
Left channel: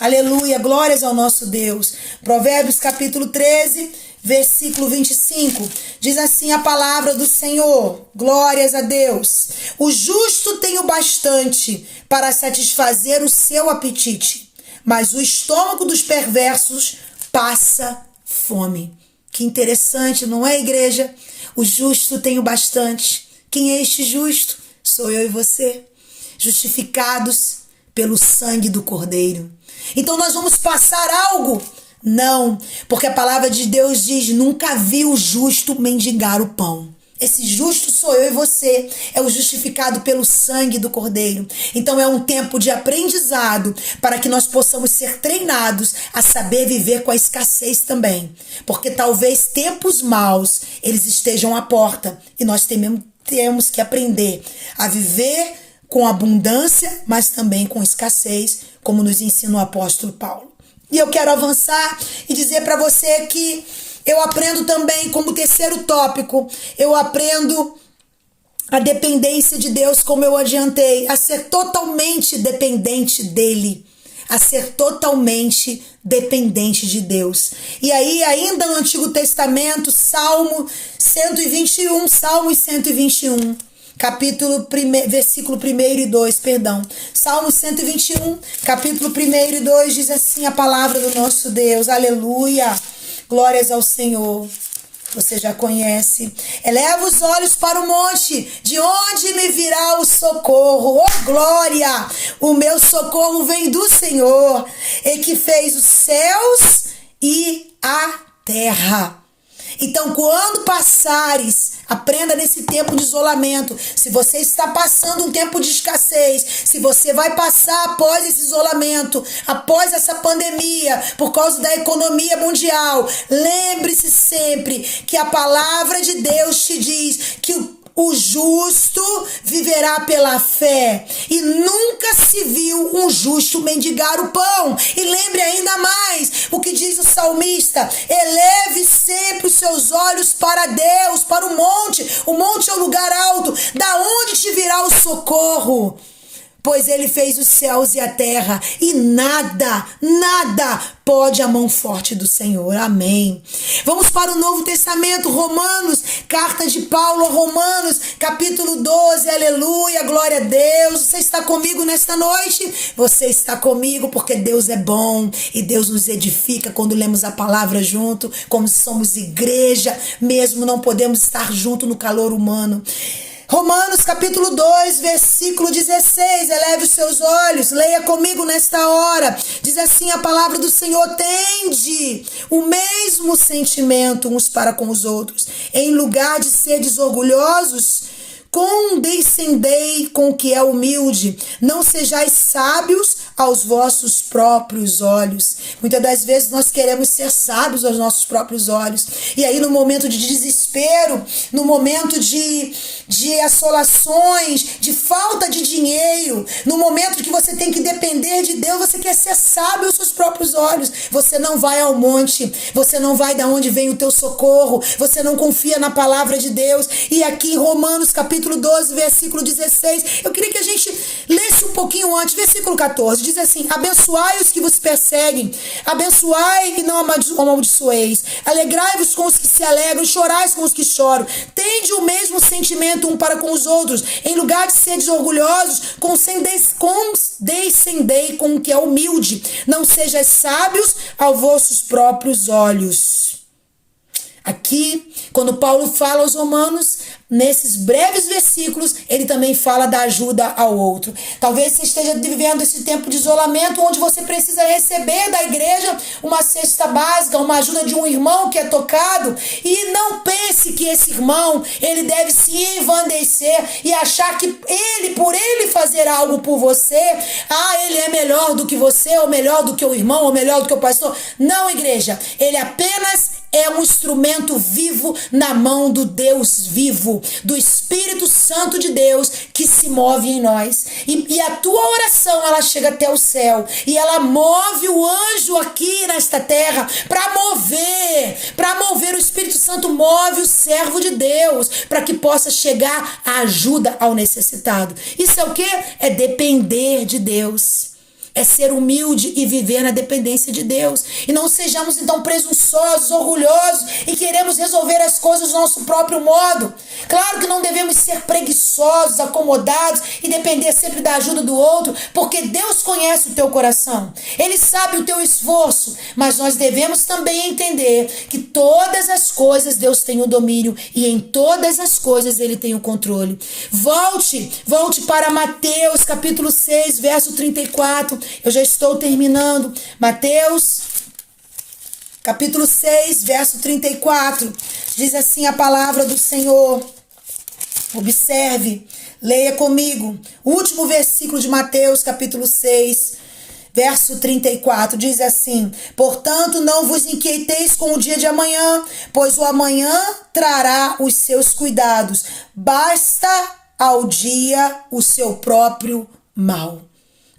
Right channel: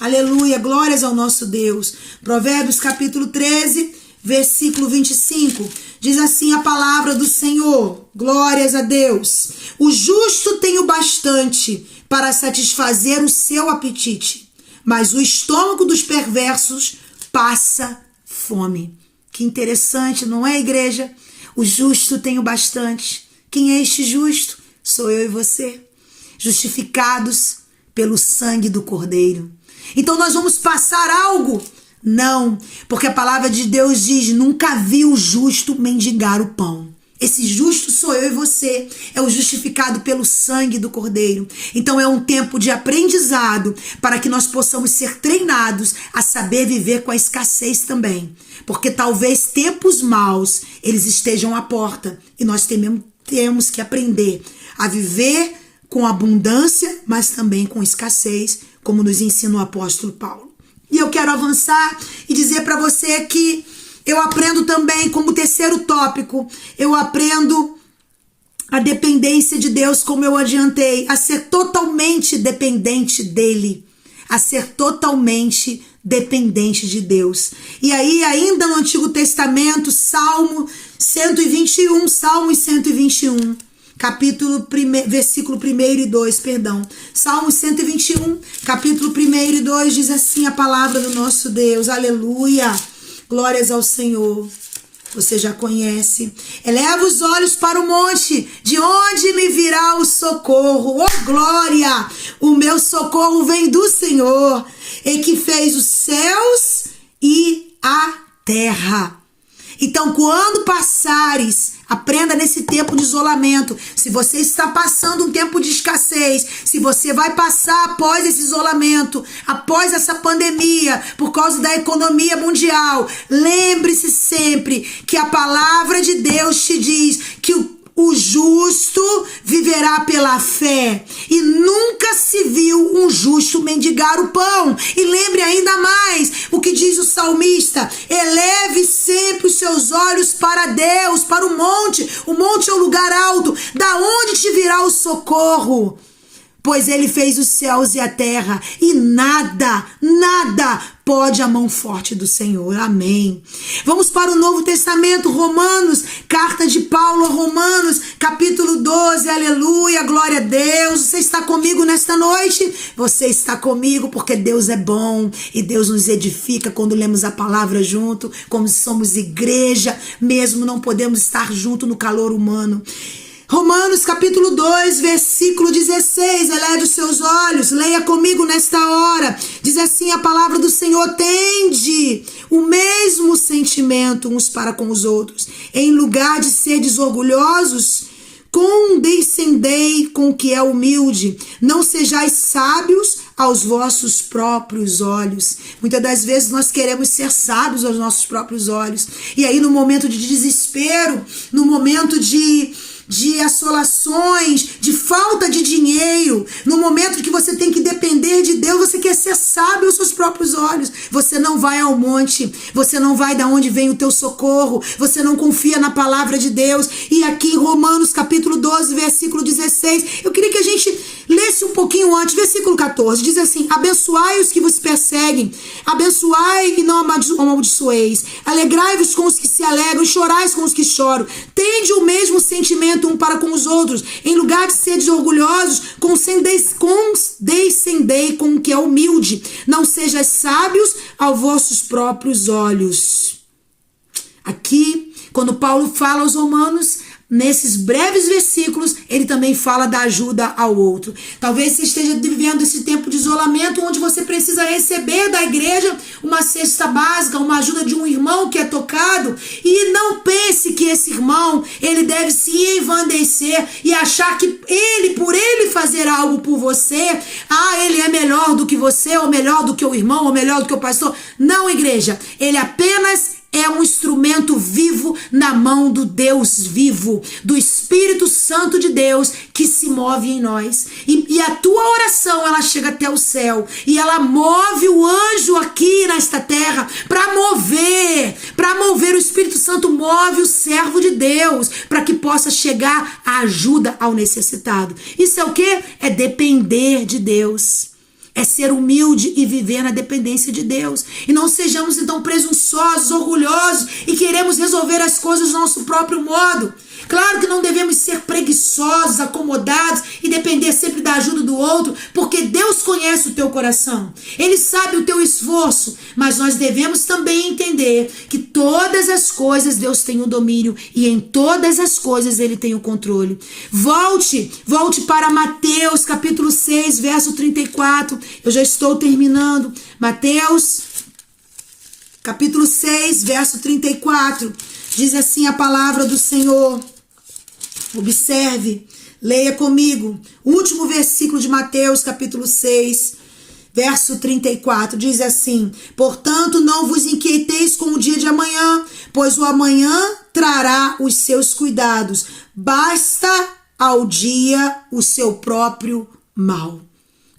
Aleluia, glórias ao nosso Deus. Provérbios capítulo 13, versículo 25. Diz assim a palavra do Senhor, glórias a Deus. O justo tem o bastante para satisfazer o seu apetite, mas o estômago dos perversos passa fome. Que interessante, não é, igreja? O justo tem o bastante. Quem é este justo? Sou eu e você, justificados pelo sangue do Cordeiro. Então nós vamos passar algo? Não, porque a palavra de Deus diz, nunca vi o justo mendigar o pão. Esse justo sou eu e você, é o justificado pelo sangue do Cordeiro. Então é um tempo de aprendizado para que nós possamos ser treinados a saber viver com a escassez também. Porque talvez tempos maus, eles estejam à porta e nós temos que aprender a viver com abundância, mas também com escassez, como nos ensina o apóstolo Paulo. E eu quero avançar e dizer para você que eu aprendo também, como terceiro tópico, eu aprendo a dependência de Deus, como eu adiantei, a ser totalmente dependente dele. a ser totalmente dependente de Deus. E aí, ainda no Antigo Testamento, Salmos 121, versículo 1 e 2, perdão. Salmo 121, capítulo 1 e 2, diz assim a palavra do nosso Deus. Aleluia! Glórias ao Senhor. Você já conhece. Eleva os olhos para o monte, de onde me virá o socorro? Oh, glória! O meu socorro vem do Senhor, e que fez os céus e a terra. Então, quando passares, aprenda nesse tempo de isolamento. Se você está passando um tempo de escassez, se você vai passar após esse isolamento, após essa pandemia, por causa da economia mundial, lembre-se sempre que a palavra de Deus te diz que o justo viverá pela fé, e nunca se viu um justo mendigar o pão. E lembre ainda mais o que diz o salmista: eleve sempre os seus olhos para Deus, para o monte. O monte é o lugar alto, da onde te virá o socorro? Pois ele fez os céus e a terra, e nada pode a mão forte do Senhor. Amém. Vamos para o Novo Testamento, Romanos, carta de Paulo a Romanos, capítulo 12, aleluia, glória a Deus. Você está comigo nesta noite? Você está comigo porque Deus é bom e Deus nos edifica quando lemos a palavra junto, como somos igreja, mesmo não podemos estar junto no calor humano. Romanos capítulo 2, versículo 16, eleve os seus olhos, leia comigo nesta hora, diz assim a palavra do Senhor: tende o mesmo sentimento uns para com os outros, em lugar de seres orgulhosos, condescendei com o que é humilde, não sejais sábios aos vossos próprios olhos. Muitas das vezes nós queremos ser sábios aos nossos próprios olhos, e aí no momento de desespero, no momento de assolações, de falta de dinheiro, no momento que você tem que depender de Deus, você quer ser sábio aos seus próprios olhos. Você não vai ao monte, você não vai da onde vem o teu socorro, você não confia na palavra de Deus. E aqui em Romanos capítulo 12, versículo 16, eu queria que a gente lesse um pouquinho antes, versículo 14, diz assim: abençoai os que vos perseguem, abençoai e não amaldiçoeis, alegrai-vos com os que se alegram, chorais com os que choram, tende o mesmo sentimento um para com os outros, em lugar de seres orgulhosos, condescendei com o que é humilde, não sejais sábios aos vossos próprios olhos. Aqui, quando Paulo fala aos romanos, nesses breves versículos, ele também fala da ajuda ao outro. Talvez você esteja vivendo esse tempo de isolamento, onde você precisa receber da igreja uma cesta básica, uma ajuda de um irmão que é tocado, e não pense que esse irmão, ele deve se envandecer e achar que por ele fazer algo por você, ele é melhor do que você, ou melhor do que o irmão, ou melhor do que o pastor. Não, igreja, ele apenas é um instrumento vivo na mão do Deus vivo, do Espírito Santo de Deus que se move em nós. E a tua oração, ela chega até o céu e ela move o anjo aqui nesta terra para mover. O Espírito Santo move o servo de Deus para que possa chegar a ajuda ao necessitado. Isso é o quê? É depender de Deus. É ser humilde e viver na dependência de Deus. E não sejamos então presunçosos, orgulhosos e queremos resolver as coisas do nosso próprio modo. Claro que não devemos ser preguiçosos, acomodados e depender sempre da ajuda do outro, porque Deus conhece o teu coração. Ele sabe o teu esforço, mas nós devemos também entender que todas as coisas Deus tem o domínio e em todas as coisas Ele tem o controle. Volte para Mateus capítulo 6, verso 34. Eu já estou terminando. Mateus, capítulo 6, verso 34. Diz assim a palavra do Senhor. Observe, leia comigo. O último versículo de Mateus, capítulo 6, verso 34. Diz assim: portanto, não vos inquieteis com o dia de amanhã, pois o amanhã trará os seus cuidados. Basta ao dia o seu próprio mal.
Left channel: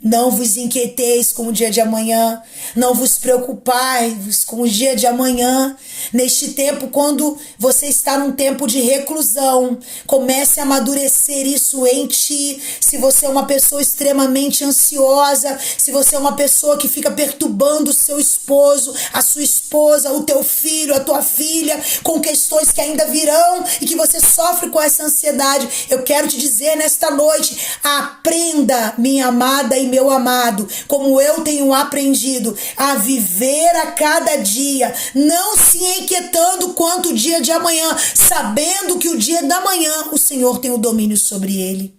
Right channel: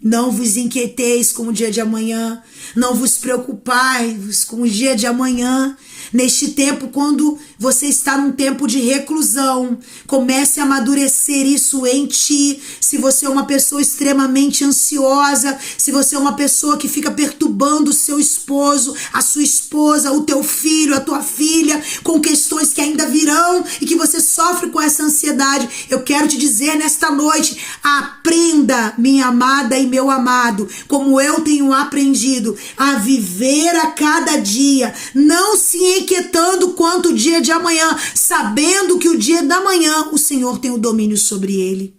Não vos inquieteis com o dia de amanhã, não vos preocupais com o dia de amanhã. Neste tempo, quando você está num tempo de reclusão, comece a amadurecer isso em ti. Se você é uma pessoa extremamente ansiosa, se você é uma pessoa que fica perturbando o seu esposo, a sua esposa, o teu filho, a tua filha, com questões que ainda virão e que você sofre com essa ansiedade, eu quero te dizer nesta noite, aprenda, minha amada e meu amado, como eu tenho aprendido a viver a cada dia, não se inquietando quanto o dia de amanhã, sabendo que o dia da manhã o Senhor tem o domínio sobre ele.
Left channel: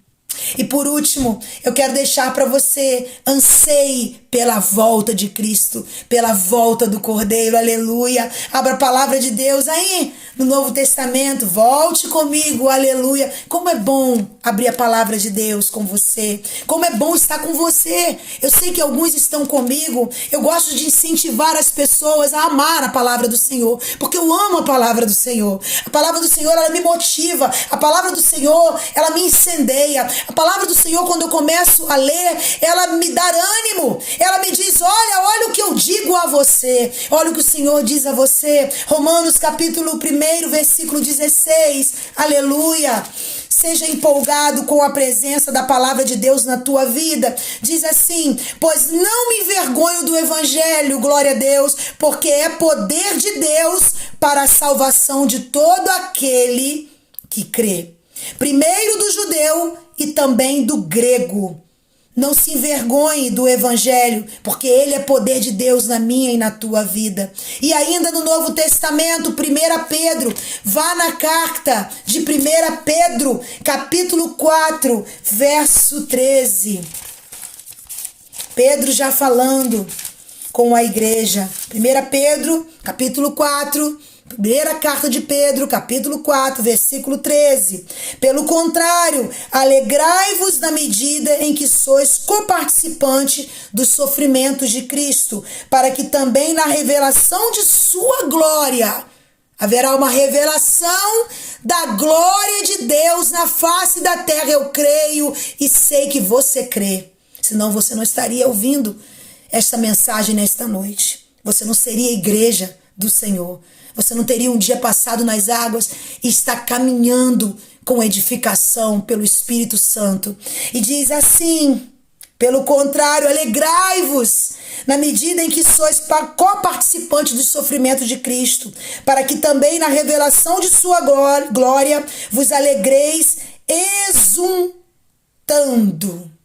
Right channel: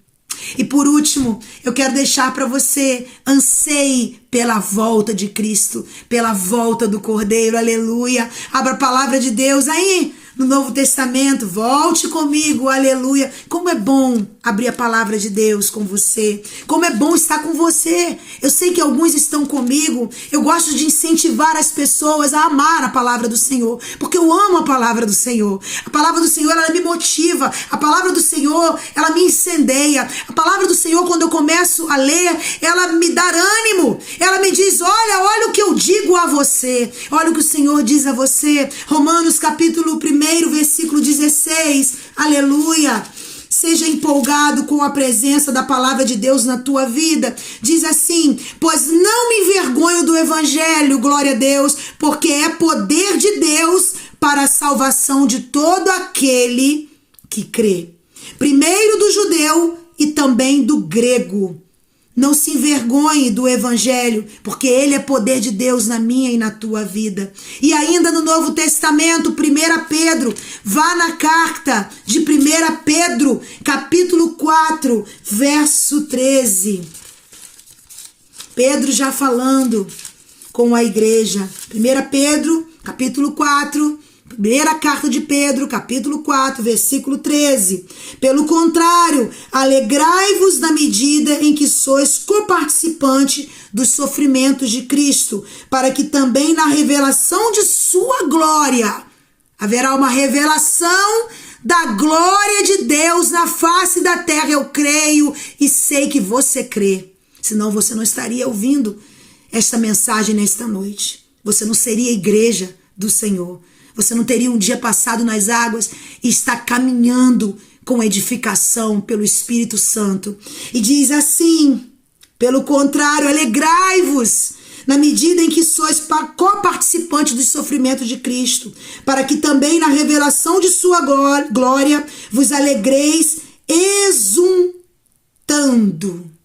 E por último, eu quero deixar para você, anseie pela volta de Cristo, pela volta do Cordeiro, aleluia. Abra a palavra de Deus aí no Novo Testamento, volte comigo, aleluia. Como é bom abrir a palavra de Deus com você, como é bom estar com você. Eu sei que alguns estão comigo, eu gosto de incentivar as pessoas a amar a palavra do Senhor, porque eu amo a palavra do Senhor. A palavra do Senhor, ela me motiva, a palavra do Senhor, ela me incendeia. A palavra do Senhor, quando eu começo a ler, ela me dá ânimo. Ela me diz, olha o que eu digo a você. Olha o que o Senhor diz a você. Romanos capítulo 1, versículo 16. Aleluia. Seja empolgado com a presença da palavra de Deus na tua vida. Diz assim, pois não me envergonho do evangelho, glória a Deus, porque é poder de Deus para a salvação de todo aquele que crê. Primeiro do judeu e também do grego. Não se envergonhe do evangelho, porque ele é poder de Deus na minha e na tua vida. E ainda no Novo Testamento, 1 Pedro, vá na carta de 1 Pedro, capítulo 4, verso 13. Pedro já falando com a igreja. 1 Pedro, capítulo 4, primeira carta de Pedro, capítulo 4, versículo 13. Pelo contrário, alegrai-vos na medida em que sois coparticipantes dos sofrimentos de Cristo, para que também na revelação de sua glória, haverá uma revelação da glória de Deus na face da terra. Eu creio e sei que você crê, senão você não estaria ouvindo esta mensagem nesta noite. Você não seria igreja do Senhor. Você não teria um dia passado nas águas e está caminhando com edificação pelo Espírito Santo. E diz assim, pelo contrário, alegrai-vos na medida em que sois coparticipantes dos sofrimentos de Cristo, para que também na revelação de sua glória vos alegreis exultando.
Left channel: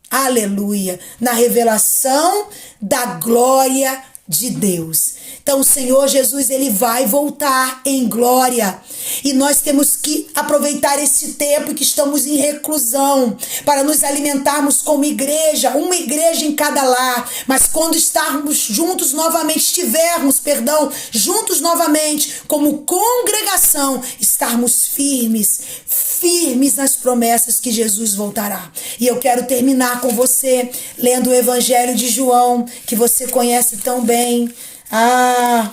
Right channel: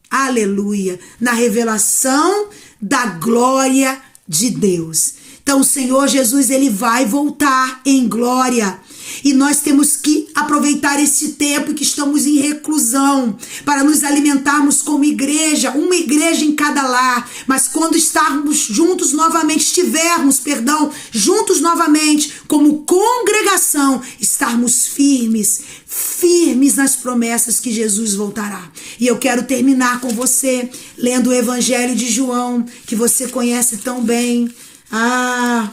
Aleluia! Na revelação da glória de Deus. Então o Senhor Jesus, ele vai voltar em glória. E nós temos que aproveitar esse tempo que estamos em reclusão para nos alimentarmos como igreja, uma igreja em cada lar. Mas quando estivermos juntos novamente como congregação, estarmos firmes nas promessas que Jesus voltará. E eu quero terminar com você lendo o Evangelho de João, que você conhece tão bem.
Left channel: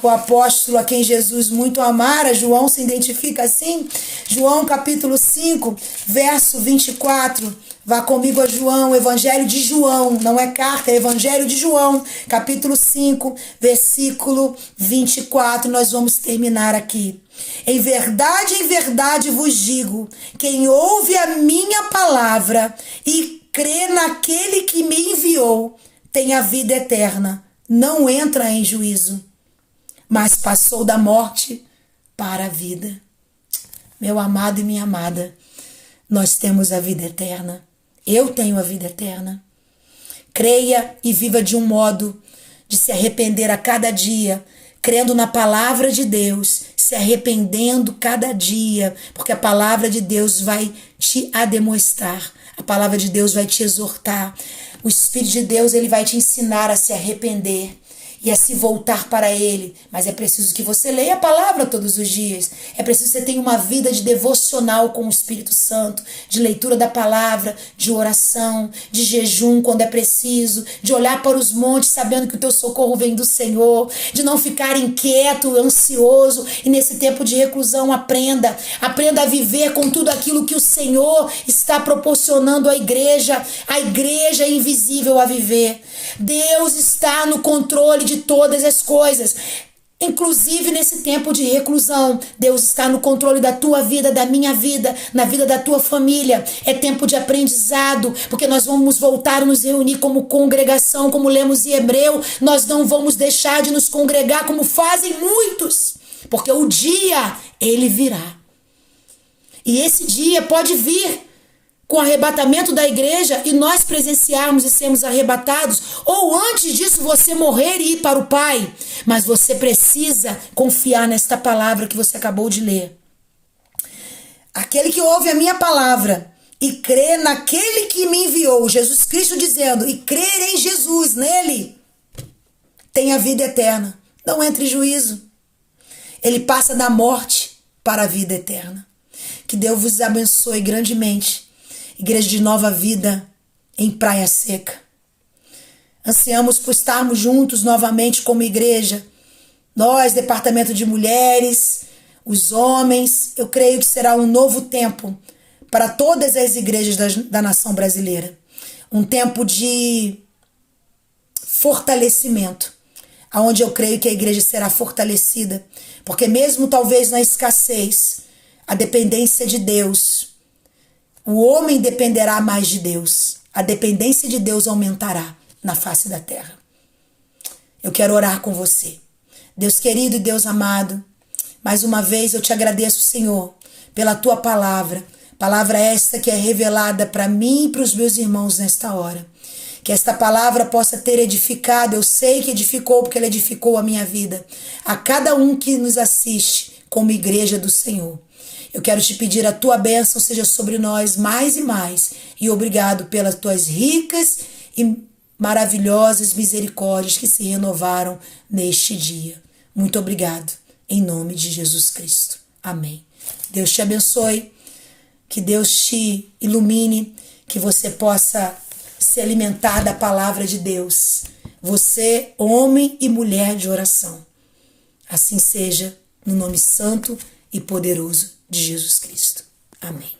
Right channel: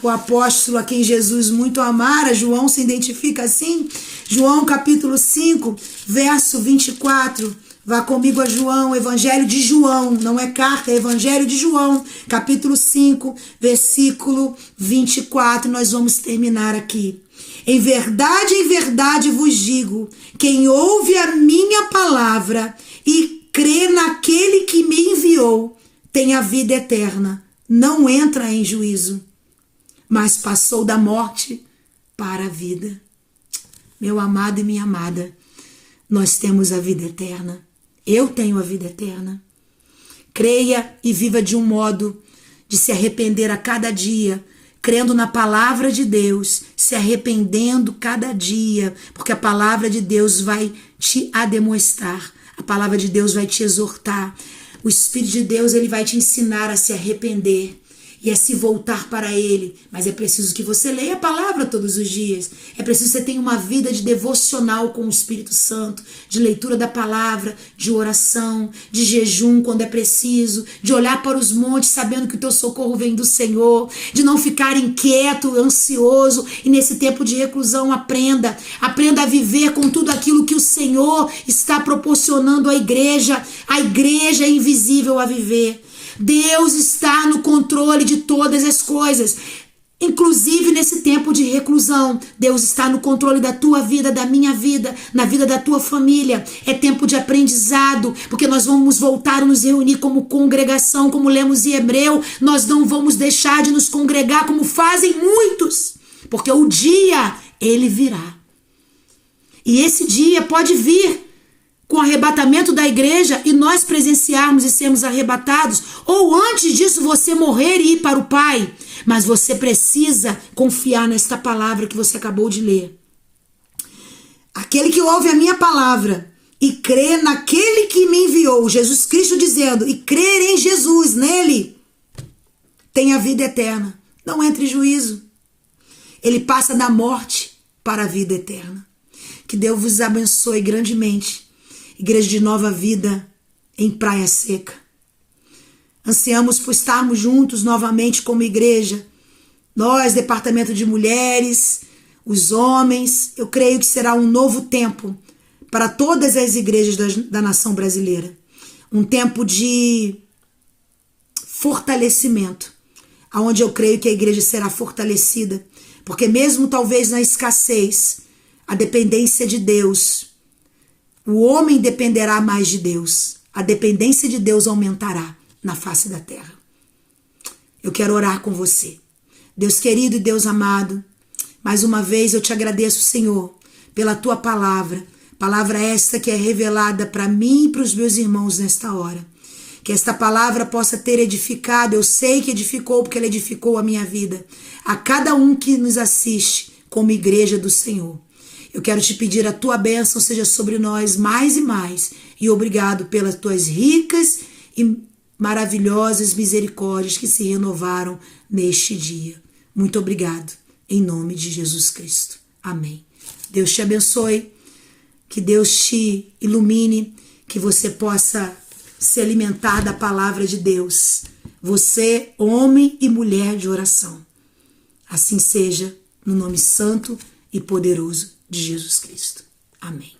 O apóstolo a quem Jesus muito amara, João se identifica assim. João capítulo 5, verso 24. Vá comigo a João, Evangelho de João, não é carta, é Evangelho de João, capítulo 5, versículo 24. Nós vamos terminar aqui. Em verdade vos digo, quem ouve a minha palavra e crê naquele que me enviou, tem a vida eterna. Não entra em juízo, mas passou da morte para a vida. Meu amado e minha amada, nós temos a vida eterna. Eu tenho a vida eterna. Creia e viva de um modo de se arrepender a cada dia, crendo na palavra de Deus, se arrependendo cada dia, porque a palavra de Deus vai te ademoestar, a palavra de Deus vai te exortar. O Espírito de Deus, ele vai te ensinar a se arrepender. e é se voltar para Ele. Mas é preciso que você leia a palavra todos os dias. É preciso que você tenha uma vida de devocional com o Espírito Santo, de leitura da palavra, de oração, de jejum quando é preciso, de olhar para os montes sabendo que o teu socorro vem do Senhor, de não ficar inquieto, ansioso. E nesse tempo de reclusão, aprenda a viver com tudo aquilo que o Senhor está proporcionando à igreja. A igreja é invisível a viver. Deus está no controle de todas as coisas. Inclusive nesse tempo de reclusão, Deus está no controle da tua vida, da minha vida, na vida da tua família. É tempo de aprendizado, porque nós vamos voltar a nos reunir como congregação, como lemos em Hebreu. Nós não vamos deixar de nos congregar como fazem muitos, porque o dia, ele virá. E esse dia pode vir com o arrebatamento da igreja e nós presenciarmos e sermos arrebatados, ou antes disso você morrer e ir para o Pai. Mas você precisa confiar nesta palavra que você acabou de ler. Aquele que ouve a minha palavra e crê naquele que me enviou, Jesus Cristo dizendo, e crer em Jesus, nele, tem a vida eterna. Não entra em juízo. Ele passa da morte para a vida eterna. Que Deus vos abençoe grandemente. Igreja de Nova Vida em Praia Seca. Ansiamos por estarmos juntos novamente como igreja. Nós, departamento de mulheres, os homens, eu creio que será um novo tempo para todas as igrejas da nação brasileira. Um tempo de fortalecimento, onde eu creio que a igreja será fortalecida, porque mesmo talvez na escassez, a dependência de Deus, o homem dependerá mais de Deus. A dependência de Deus aumentará na face da terra. Eu quero orar com você. Deus querido e Deus amado, mais uma vez eu te agradeço, Senhor, pela tua palavra. Palavra esta que é revelada para mim e para os meus irmãos nesta hora. Que esta palavra possa ter edificado, eu sei que edificou porque ela edificou a minha vida. A cada um que nos assiste como igreja do Senhor. Eu quero te pedir a tua bênção seja sobre nós mais e mais. E obrigado pelas tuas ricas e maravilhosas misericórdias que se renovaram neste dia. Muito obrigado. Em nome de Jesus Cristo. Amém. Deus te abençoe. Que Deus te ilumine. Que você possa se alimentar da palavra de Deus. Você, homem e mulher de oração. Assim seja, no nome santo e poderoso de Jesus Cristo. Amém.